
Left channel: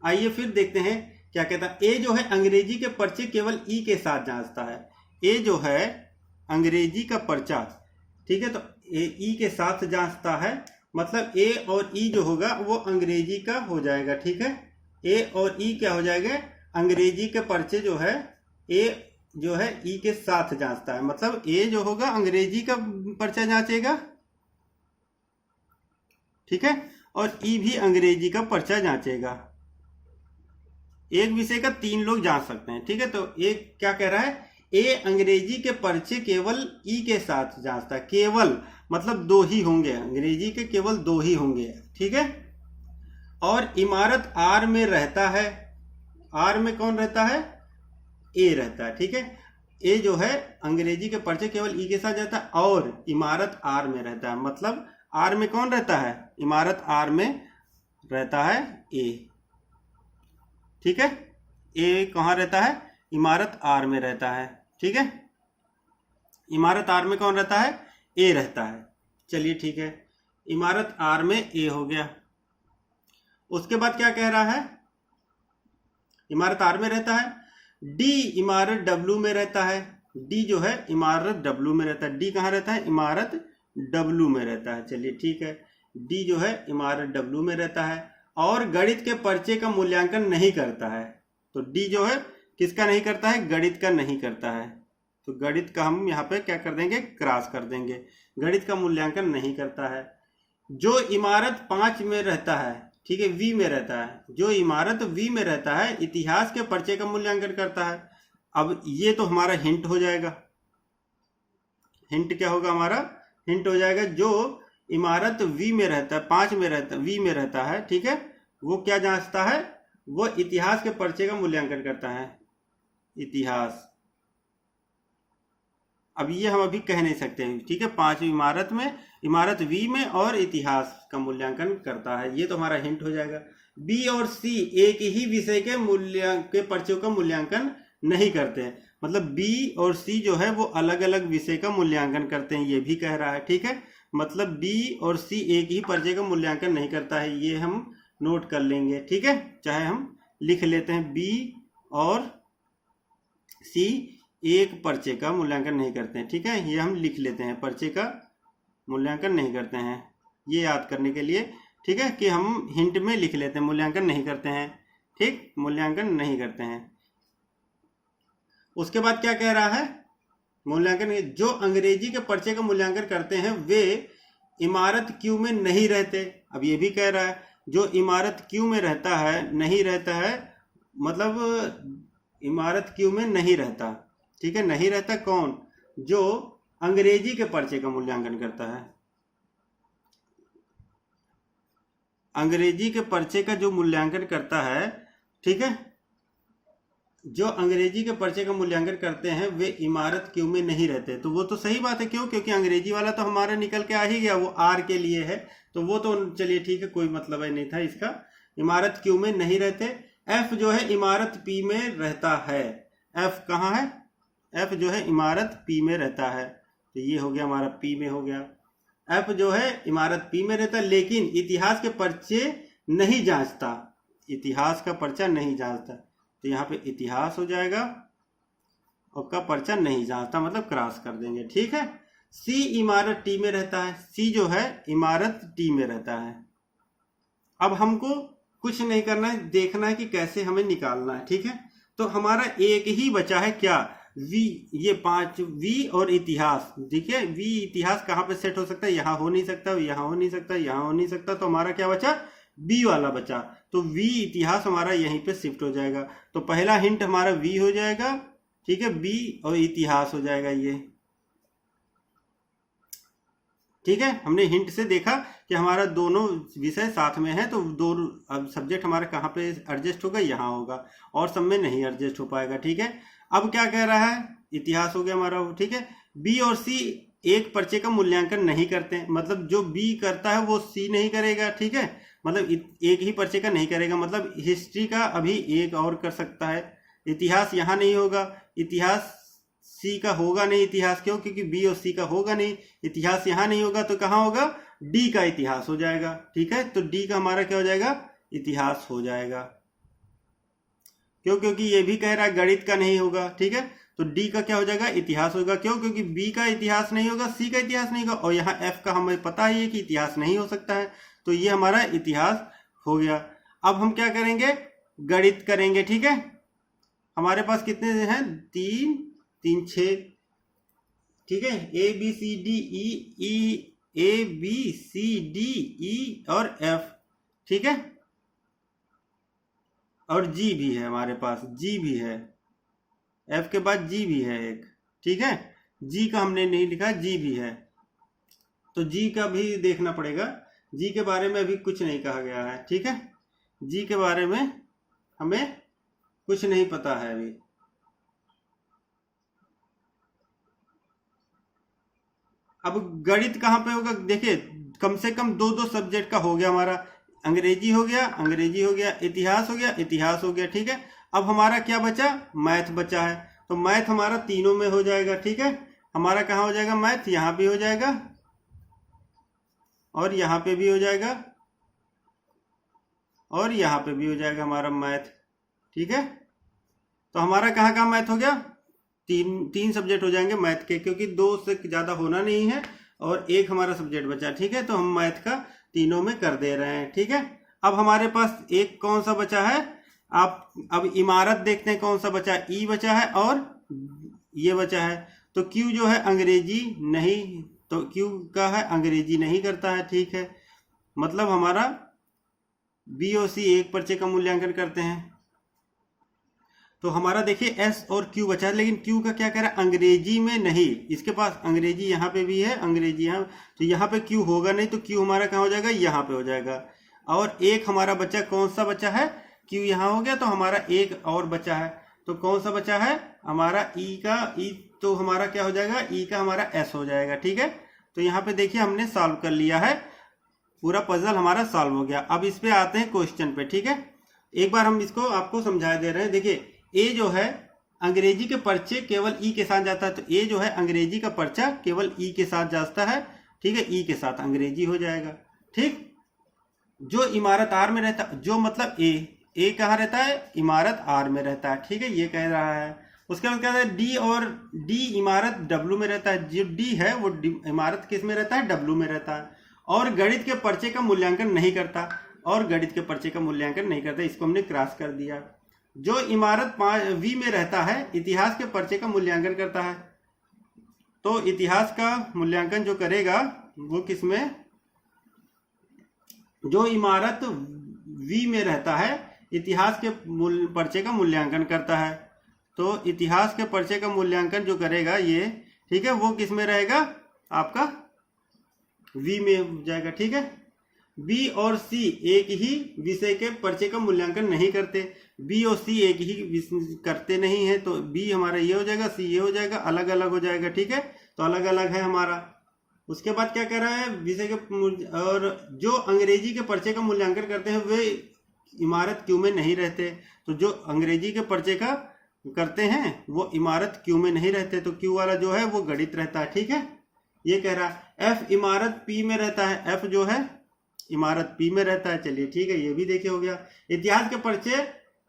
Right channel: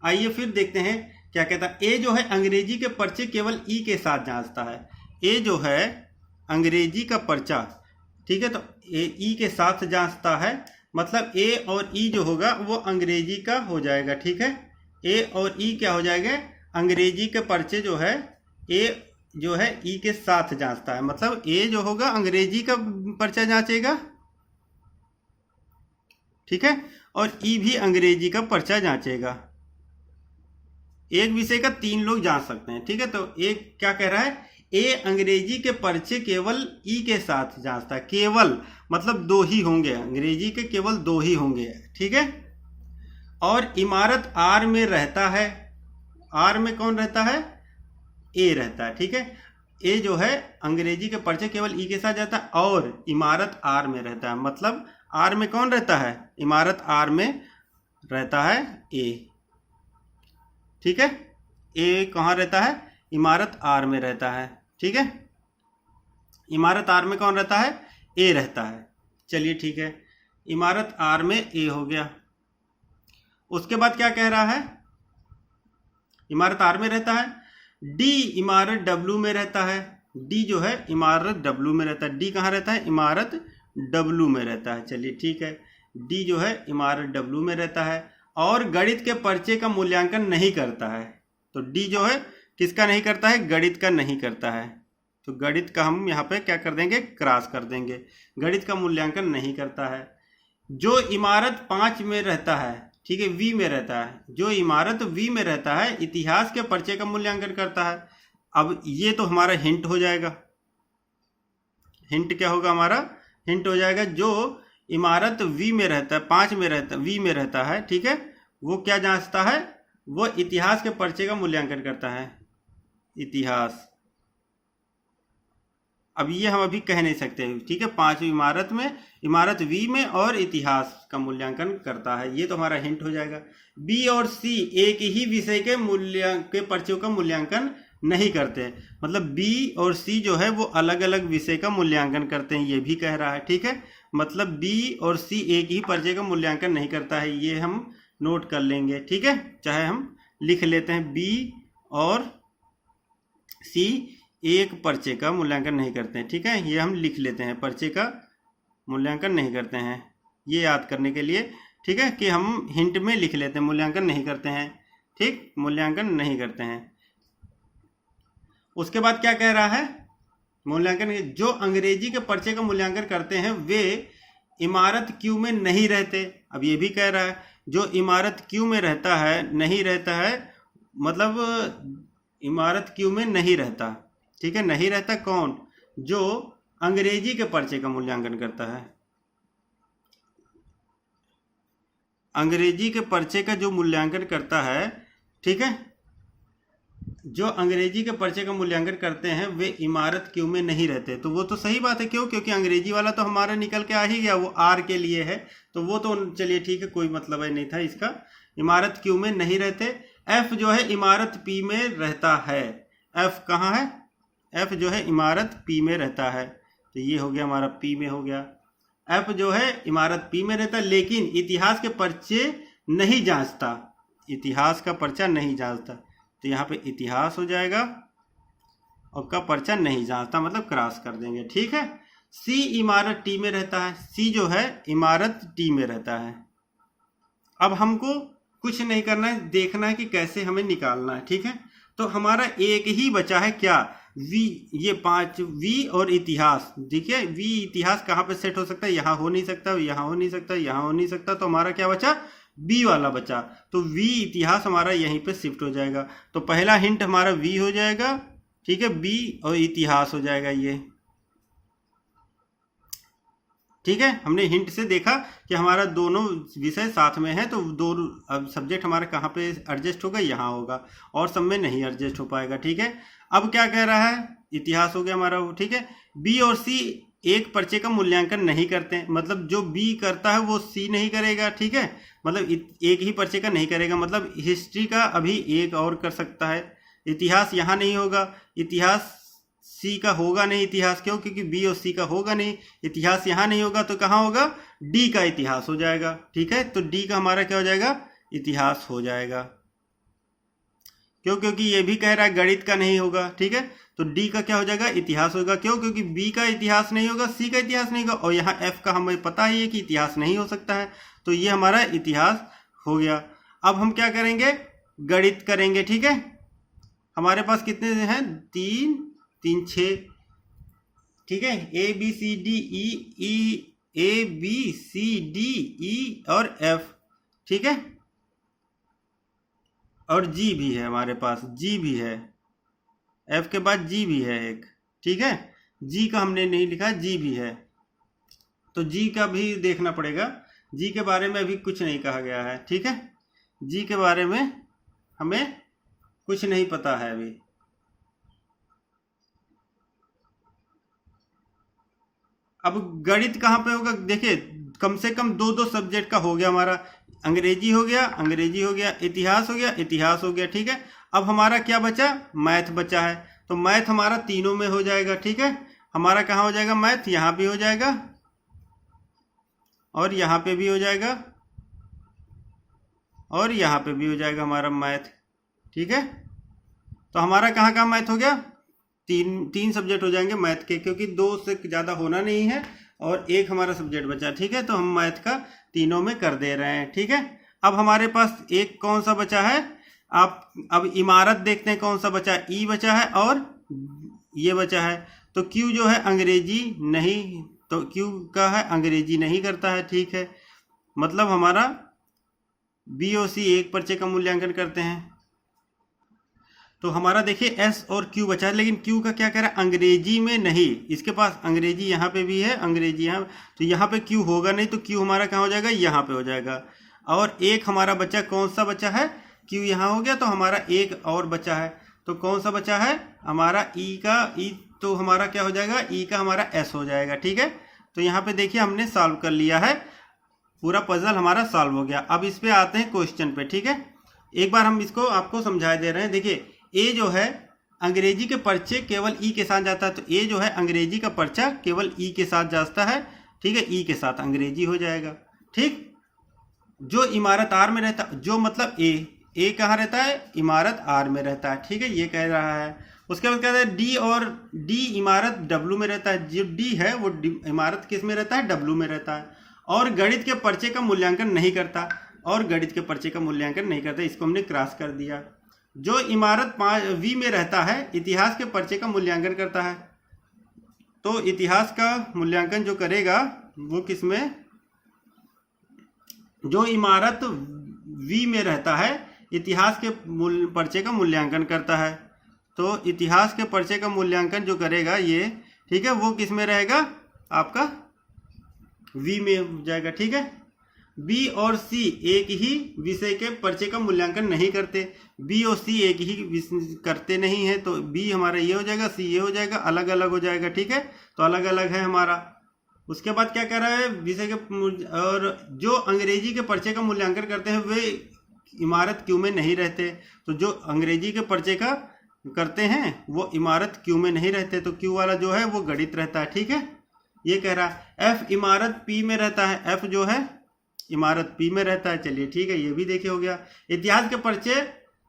आइए फिर देखते हैं क्या कहता है। ए जो है अंग्रेजी के पर्चे केवल ई के साथ जांचता है। ए जो है अंग्रेजी का पर्चा, ठीक है, तो ई के साथ जांचता है, मतलब ए और ई जो होगा वो अंग्रेजी का हो जाएगा, ठीक है। ए और ई क्या हो जाएगा? अंग्रेजी के पर्चे जो है ए जो है ई के साथ जांचता है, मतलब ए जो होगा अंग्रेजी का पर्चा जांचेगा, ठीक है, और ई भी अंग्रेजी का पर्चा जांचेगा। एक विषय का 3 लोग जांच सकते हैं, ठीक है। तो एक क्या कह रहा है? ए अंग्रेजी के पर्चे केवल ई के साथ जांचता है। केवल मतलब 2 ही होंगे, अंग्रेजी के केवल 2 ही होंगे, ठीक है। और इमारत आर में रहता है। आर में कौन रहता है? ए रहता है, ठीक है। ए जो है अंग्रेजी के पर्चे केवल ई के साथ जाता है और इमारत आर में रहता है, मतलब आर में कौन रहता है? इमारत आर में रहता है ए, ठीक है। ए कहाँ रहता है? इमारत आर में रहता है, ठीक है। इमारत आर में कौन रहता है? ए रहता है। चलिए ठीक है, इमारत आर में ए हो गया। उसके बाद क्या कह रहा है? इमारत आर में रहता है। डी इमारत डब्ल्यू में रहता है। डी जो है इमारत डब्ल्यू में रहता है। डी कहाँ रहता है? इमारत डब्ल्यू में रहता है। चलिए ठीक है, डी जो है इमारत डब्ल्यू में रहता है और गणित के पर्चे का मूल्यांकन नहीं करता है। तो डी जो है किसका नहीं करता है? गणित का नहीं करता है। तो गणित का हम यहाँ पे क्या कर देंगे? क्रॉस कर देंगे। गणित का मूल्यांकन नहीं करता है। जो इमारत 5 में रहता है, ठीक है, वी में रहता है, जो इमारत वी में रहता है इतिहास के पर्चे का मूल्यांकन करता है। अब ये तो हमारा हिंट हो जाएगा। हिंट क्या होगा हमारा? हिंट हो जाएगा जो इमारत वी में रहता है, 5 में रहता है, वी में रहता है, ठीक है, वो क्या जांचता है? वो इतिहास के पर्चे का मूल्यांकन करता है। इतिहास, अब ये हम अभी कह नहीं सकते, ठीक है। 5वीं इमारत में, इमारत वी में और इतिहास का मूल्यांकन करता है, ये तो हमारा हिंट हो जाएगा। बी और सी एक ही विषय के पर्चों का मूल्यांकन नहीं करते, मतलब बी और सी जो है वो अलग अलग विषय का मूल्यांकन करते हैं, ये भी कह रहा है, ठीक है। मतलब बी और सी एक ही पर्चे का मूल्यांकन नहीं करता है, ये हम नोट कर लेंगे, ठीक है। चाहे हम लिख लेते हैं बी और सी एक पर्चे का मूल्यांकन नहीं करते हैं, ठीक है, ये हम लिख लेते हैं, पर्चे का मूल्यांकन नहीं करते हैं, ये याद करने के लिए, ठीक है, कि हम हिंट में लिख लेते हैं मूल्यांकन नहीं करते हैं, ठीक, मूल्यांकन नहीं करते हैं। उसके बाद क्या कह रहा है? मूल्यांकन, जो अंग्रेजी के पर्चे का मूल्यांकन करते हैं वे इमारत क्यू में नहीं रहते। अब ये भी कह रहा है जो इमारत क्यू में रहता है, नहीं रहता है, मतलब इमारत क्यू में नहीं रहता, ठीक है, नहीं रहता कौन? जो अंग्रेजी के पर्चे का मूल्यांकन करता है। अंग्रेजी के पर्चे का जो मूल्यांकन करता है, ठीक है, जो अंग्रेजी के पर्चे का मूल्यांकन करते हैं वे इमारत क्यू में नहीं रहते। तो वो तो सही बात है, क्यों? क्योंकि अंग्रेजी वाला तो हमारा निकल के आ ही गया, वो आर के लिए है, तो वो तो चलिए ठीक है, कोई मतलब ही नहीं था इसका। इमारत क्यू में नहीं रहते। एफ जो है इमारत पी में रहता है। एफ कहाँ है? एफ जो है इमारत पी में रहता है। तो ये हो गया हमारा पी में हो गया। एफ जो है इमारत पी में रहता है, लेकिन इतिहास के पर्चे नहीं जांचता, इतिहास का पर्चा नहीं जांचता। तो यहाँ पे इतिहास हो जाएगा और का पर्चा नहीं जांचता, मतलब क्रॉस कर देंगे। ठीक है। सी इमारत टी में रहता है। सी जो है इमारत टी में रहता है। अब हमको कुछ नहीं करना है, देखना है कि कैसे हमें निकालना है। ठीक है। तो हमारा एक ही बचा है क्या? वी। ये 5 वी और इतिहास। देखिए वी इतिहास कहाँ पे सेट हो सकता है? यहाँ हो नहीं सकता, यहाँ हो नहीं सकता, यहाँ हो नहीं सकता। तो हमारा क्या बचा? बी वाला बचा। तो वी इतिहास हमारा यहीं पे शिफ्ट हो जाएगा। तो पहला हिंट हमारा वी हो जाएगा। ठीक है। बी और इतिहास हो जाएगा ये। ठीक है। हमने हिंट से देखा कि हमारा दोनों विषय साथ में है, तो दो अब सब्जेक्ट हमारा कहाँ पे एडजस्ट होगा? यहाँ होगा, और सब में नहीं एडजस्ट हो पाएगा। ठीक है। अब क्या कह रहा है? इतिहास हो गया हमारा। ठीक है। बी और सी एक पर्चे का मूल्यांकन नहीं करते हैं, मतलब जो बी करता है वो सी नहीं करेगा। ठीक है। मतलब एक ही पर्चे का नहीं करेगा, मतलब हिस्ट्री का अभी एक और कर सकता है। इतिहास यहाँ नहीं होगा, इतिहास सी का होगा नहीं। इतिहास क्यों? क्योंकि बी और सी का होगा नहीं। इतिहास यहाँ नहीं होगा तो कहाँ होगा? डी का इतिहास हो जाएगा। ठीक है। तो डी का हमारा क्या हो जाएगा? इतिहास हो जाएगा। क्यों? क्योंकि ये भी कह रहा है गणित का नहीं होगा। ठीक है। तो डी का क्या हो जाएगा? इतिहास होगा। क्यों? क्योंकि बी का इतिहास नहीं होगा, सी का इतिहास नहीं होगा, और यहाँ एफ का हमें पता ही है कि इतिहास नहीं हो सकता है। तो ये हमारा इतिहास हो गया। अब हम क्या करेंगे? गणित करेंगे। ठीक है। हमारे पास कितने हैं? 3 3 6। ठीक है। A B C D E, A B C D E और एफ। ठीक है। और जी भी है हमारे पास, जी भी है। एफ के बाद जी भी है एक। ठीक है। जी का हमने नहीं लिखा, जी भी है। तो जी का भी देखना पड़ेगा। जी के बारे में अभी कुछ नहीं कहा गया है। ठीक है। जी के बारे में हमें कुछ नहीं पता है अभी। अब गणित कहाँ पे होगा? देखिए कम से कम 2 सब्जेक्ट का हो गया हमारा। अंग्रेजी हो गया, अंग्रेजी हो गया, इतिहास हो गया, इतिहास हो गया। ठीक है। अब हमारा क्या बचा? मैथ बचा है। तो मैथ हमारा तीनों में हो जाएगा। ठीक है। हमारा कहाँ हो जाएगा? मैथ यहाँ भी हो जाएगा और यहाँ पे भी हो जाएगा और यहाँ पे भी हो जाएगा हमारा मैथ। ठीक है। तो हमारा कहाँ कहाँ मैथ हो गया? तीन सब्जेक्ट हो जाएंगे मैथ के, क्योंकि 2 से ज़्यादा होना नहीं है और एक हमारा सब्जेक्ट बचा। ठीक है। तो हम मैथ का तीनों में कर दे रहे हैं। ठीक है। अब हमारे पास एक कौन सा बचा है? आप अब इमारत देखते हैं कौन सा बचा है? ई बचा है और ये बचा है। तो क्यू जो है अंग्रेजी नहीं, तो क्यू का है अंग्रेजी नहीं करता है। ठीक है। मतलब हमारा बी और सी एक पर्चे का मूल्यांकन करते हैं। तो हमारा देखिए एस और क्यू बचा है, लेकिन क्यू का क्या कह रहा है? अंग्रेजी में नहीं। इसके पास अंग्रेजी यहाँ पे भी है, अंग्रेजी यहाँ, तो यहाँ पे क्यू होगा नहीं। तो क्यू हमारा कहाँ हो जाएगा? यहाँ पे हो जाएगा। और एक हमारा बच्चा कौन सा बचा है? क्यू यहाँ हो गया, तो हमारा एक और बचा है। तो कौन सा बचा है? हमारा ई का, ई तो हमारा क्या हो जाएगा? ई का हमारा एस हो जाएगा। ठीक है। तो यहाँ पे देखिए हमने सॉल्व कर लिया है, पूरा पजल हमारा सॉल्व हो गया। अब इस पे आते हैं क्वेश्चन पे। ठीक है। एक बार हम इसको आपको समझा दे रहे हैं। देखिए ए जो है अंग्रेजी के पर्चे केवल ई के साथ जाता है। तो ए जो है अंग्रेजी का पर्चा केवल ई के साथ जाता है। ठीक है। ई के साथ अंग्रेजी हो जाएगा। ठीक। जो इमारत आर में रहता है, जो मतलब ए कहाँ रहता है? इमारत आर में रहता है। ठीक है। ये कह रहा है। उसके बाद कहता है डी, और डी इमारत डब्ल्यू में रहता है। जो डी है वो इमारत किस में रहता है? डब्ल्यू में रहता है। और गणित के पर्चे का मूल्यांकन नहीं करता, और गणित के पर्चे का मूल्यांकन नहीं करता। इसको हमने क्रॉस कर दिया। जो इमारत वी में रहता है इतिहास के पर्चे का मूल्यांकन करता है। तो इतिहास का मूल्यांकन जो करेगा वो किसमें? जो इमारत वी में रहता है इतिहास के पर्चे का मूल्यांकन करता है। तो इतिहास के पर्चे का मूल्यांकन जो करेगा ये, ठीक है, वो किस में रहेगा? आपका वी में हो जाएगा। ठीक है। बी और सी एक ही विषय के पर्चे का मूल्यांकन नहीं करते। बी और सी एक ही करते नहीं है, तो बी हमारा ये हो जाएगा, सी ये हो जाएगा, अलग अलग हो जाएगा। ठीक है। तो अलग अलग है हमारा। उसके बाद क्या कर रहा है? विषय के और जो अंग्रेजी के पर्चे का मूल्यांकन करते हैं वे इमारत क्यू में नहीं रहते। तो जो अंग्रेजी के पर्चे का करते हैं वो इमारत क्यू में नहीं रहते, तो क्यू वाला जो है वो गणित रहता है। ठीक है, ये कह रहा है एफ इमारत पी में रहता है, एफ जो है इमारत पी में रहता है। चलिए ठीक है, ये भी देखे हो गया। इतिहास के पर्चे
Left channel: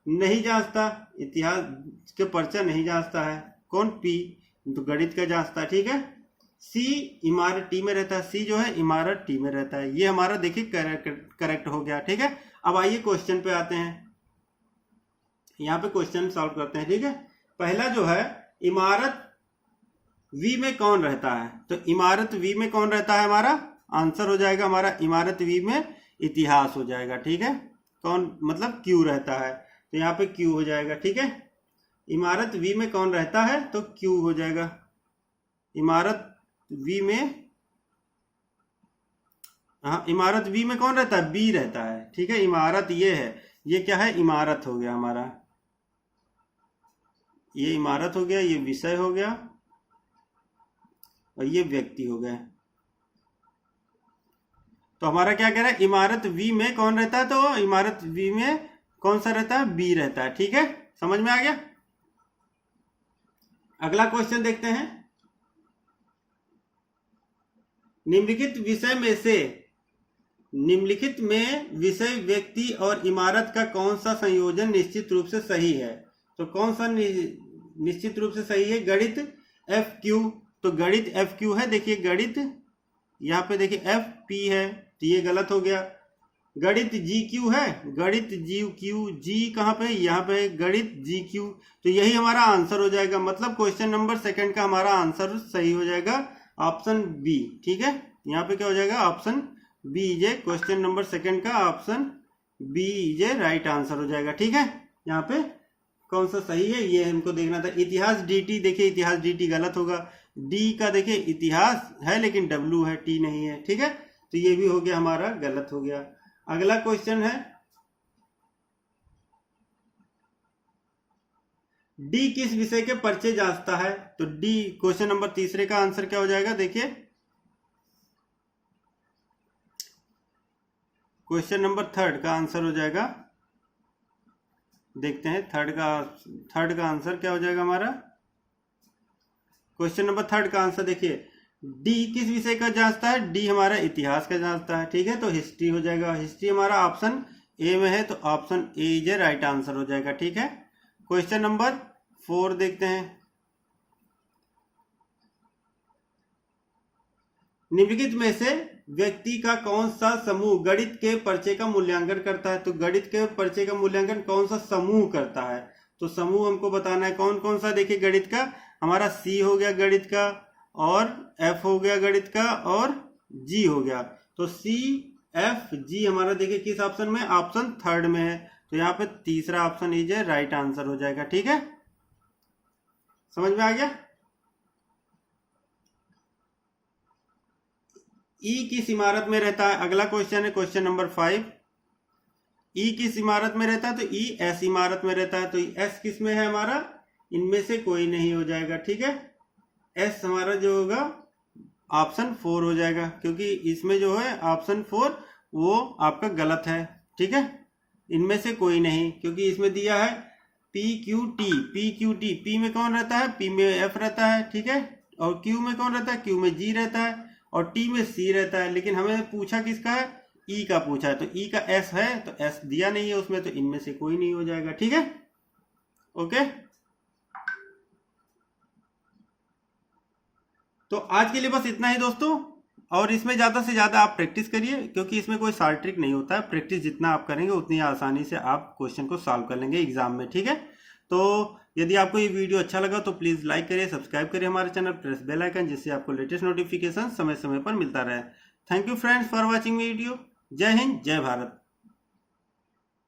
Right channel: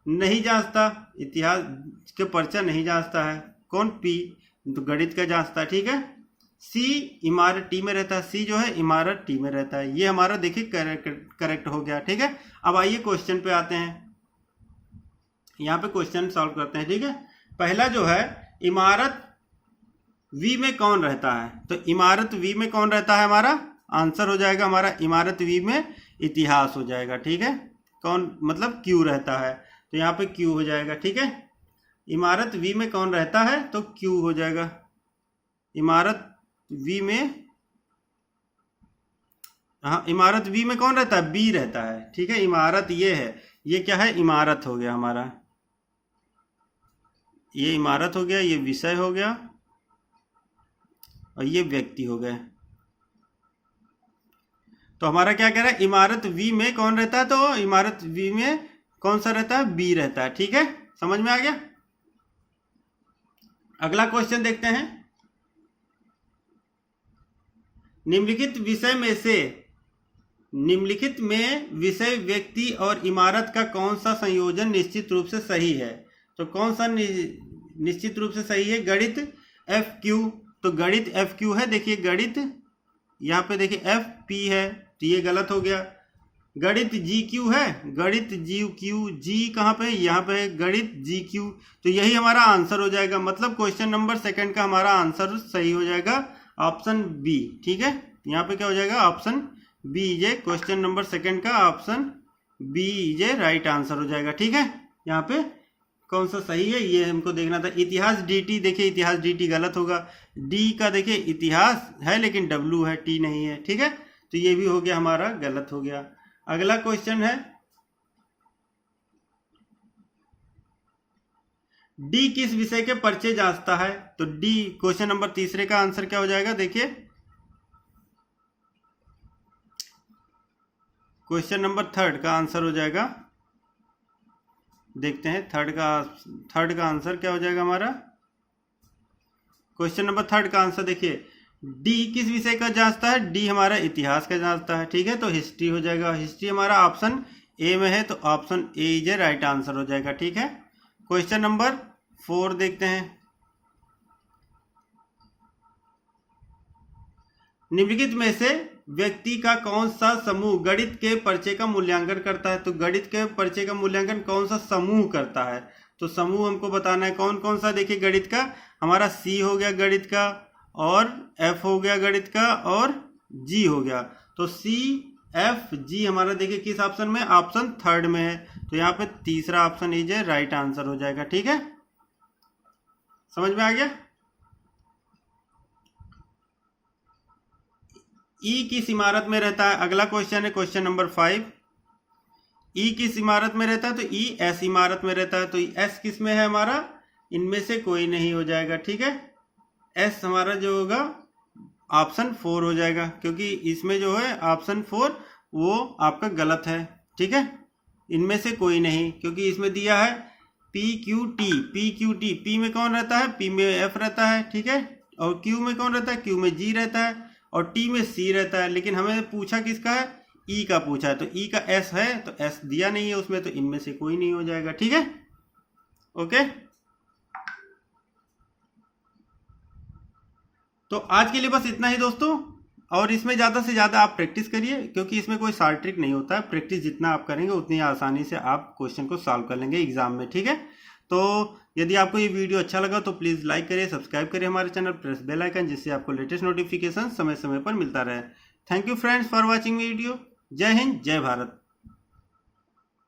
नहीं जांचता, इतिहास के पर्चा नहीं जांचता है कौन, पी, तो गणित का जांचता है। ठीक है, सी इमारत टी में रहता है, सी जो है इमारत टी में रहता है। ये हमारा देखिए करेक्ट हो गया। ठीक है, अब आइए क्वेश्चन पे आते हैं, यहाँ पे क्वेश्चन सॉल्व करते हैं। ठीक है, पहला जो है इमारत वी में कौन रहता है, तो इमारत वी में कौन रहता है, हमारा आंसर हो जाएगा हमारा इमारत वी में इतिहास हो जाएगा। ठीक है, कौन मतलब क्यू रहता है, तो यहाँ पे क्यू हो जाएगा। ठीक है, इमारत वी में कौन रहता है तो क्यू हो जाएगा। इमारत वी में, हाँ इमारत वी में कौन रहता है, बी रहता है। ठीक है, इमारत ये है, ये क्या है, इमारत हो गया हमारा, ये इमारत हो गया, ये विषय हो गया और ये व्यक्ति हो गए। तो हमारा क्या कह रहा है, इमारत वी में कौन रहता है, तो इमारत वी में कौन सा रहता है, बी रहता है। ठीक है, समझ में आ गया। अगला क्वेश्चन देखते हैं, निम्नलिखित विषय में से, निम्नलिखित में विषय व्यक्ति और इमारत का कौन सा संयोजन निश्चित रूप से सही है, तो कौन सा निश्चित रूप से सही है, गणित एफ क्यू, तो गणित एफ क्यू है। देखिए गणित यहाँ पे देखिए एफ पी है, तो ये गलत हो गया। गणित जी क्यू है, गणित जी क्यू, जी कहाँ पे, यहाँ पे गणित जी क्यू, तो यही हमारा आंसर हो जाएगा। मतलब क्वेश्चन नंबर सेकंड का हमारा आंसर सही हो जाएगा ऑप्शन बी। ठीक है, यहाँ पे क्या हो जाएगा, option B J, question number second का option B J right answer हो जाएगा। ठीक है, यहाँ पे कौन सा सही है ये हमको देखना था। इतिहास डी, देखिए इतिहास डी गलत होगा, डी का देखिए इतिहास है लेकिन डब्ल्यू है, टी नहीं है। ठीक है, तो ये भी हो गया हमारा गलत हो गया। अगला क्वेश्चन है, डी किस विषय के पर्चे जांचता है, तो डी क्वेश्चन नंबर तीसरे का आंसर क्या हो जाएगा, देखिए क्वेश्चन नंबर थर्ड का आंसर हो जाएगा। देखते हैं थर्ड का आंसर क्या हो जाएगा हमारा, क्वेश्चन नंबर थर्ड का आंसर देखिए डी किस विषय का जांचता है, डी हमारा इतिहास का जांचता है। ठीक है, तो हिस्ट्री हो जाएगा, हिस्ट्री हमारा ऑप्शन ए में है, तो option A is a right answer हो जाएगा। ठीक है, क्वेश्चन नंबर 4 देखते हैं, निम्नलिखित में से व्यक्ति का कौन सा समूह गणित के पर्चे का मूल्यांकन करता है, तो गणित के पर्चे का मूल्यांकन कौन सा समूह करता है, तो समूह हमको बताना है कौन कौन सा। देखिए गणित का हमारा सी हो गया गणित का, और एफ हो गया गणित का, और जी हो गया। तो सी एफ जी हमारा देखिए किस ऑप्शन में, ऑप्शन थर्ड में है, तो यहाँ पे तीसरा option is a right answer हो जाएगा। ठीक है, समझ में आ गया। ई किस इमारत में रहता है, अगला क्वेश्चन है क्वेश्चन नंबर 5, ई किस इमारत में रहता है, तो ई एस इमारत में रहता है, तो एस किस में है हमारा, इनमें से कोई नहीं हो जाएगा। ठीक है, एस हमारा जो होगा ऑप्शन 4 हो जाएगा, क्योंकि इसमें जो है ऑप्शन 4 वो आपका गलत है। ठीक है, इनमें से कोई नहीं, क्योंकि इसमें दिया है P Q T, P Q T, P में कौन रहता है, पी में एफ रहता है। ठीक है, और क्यू में कौन रहता है, क्यू में जी रहता है, और टी में सी रहता है। लेकिन हमें पूछा किसका है, ई का पूछा है, तो ई का एस है, तो एस दिया नहीं है उसमें, तो इनमें से कोई नहीं हो जाएगा। ठीक है, ओके। तो आज के लिए बस इतना ही दोस्तों, और इसमें ज़्यादा से ज़्यादा आप प्रैक्टिस करिए, क्योंकि इसमें कोई शार्ट ट्रिक नहीं होता है। प्रैक्टिस जितना आप करेंगे उतनी आसानी से आप क्वेश्चन को सॉल्व कर लेंगे एग्जाम में। ठीक है, तो यदि आपको ये वीडियो अच्छा लगा तो प्लीज़ लाइक करिए, सब्सक्राइब करिए हमारे चैनल, प्रेस बेल आइकन, जिससे आपको लेटेस्ट नोटिफिकेशन समय समय पर मिलता रहे। Thank you friends for watching video. जय हिंद, जय भारत।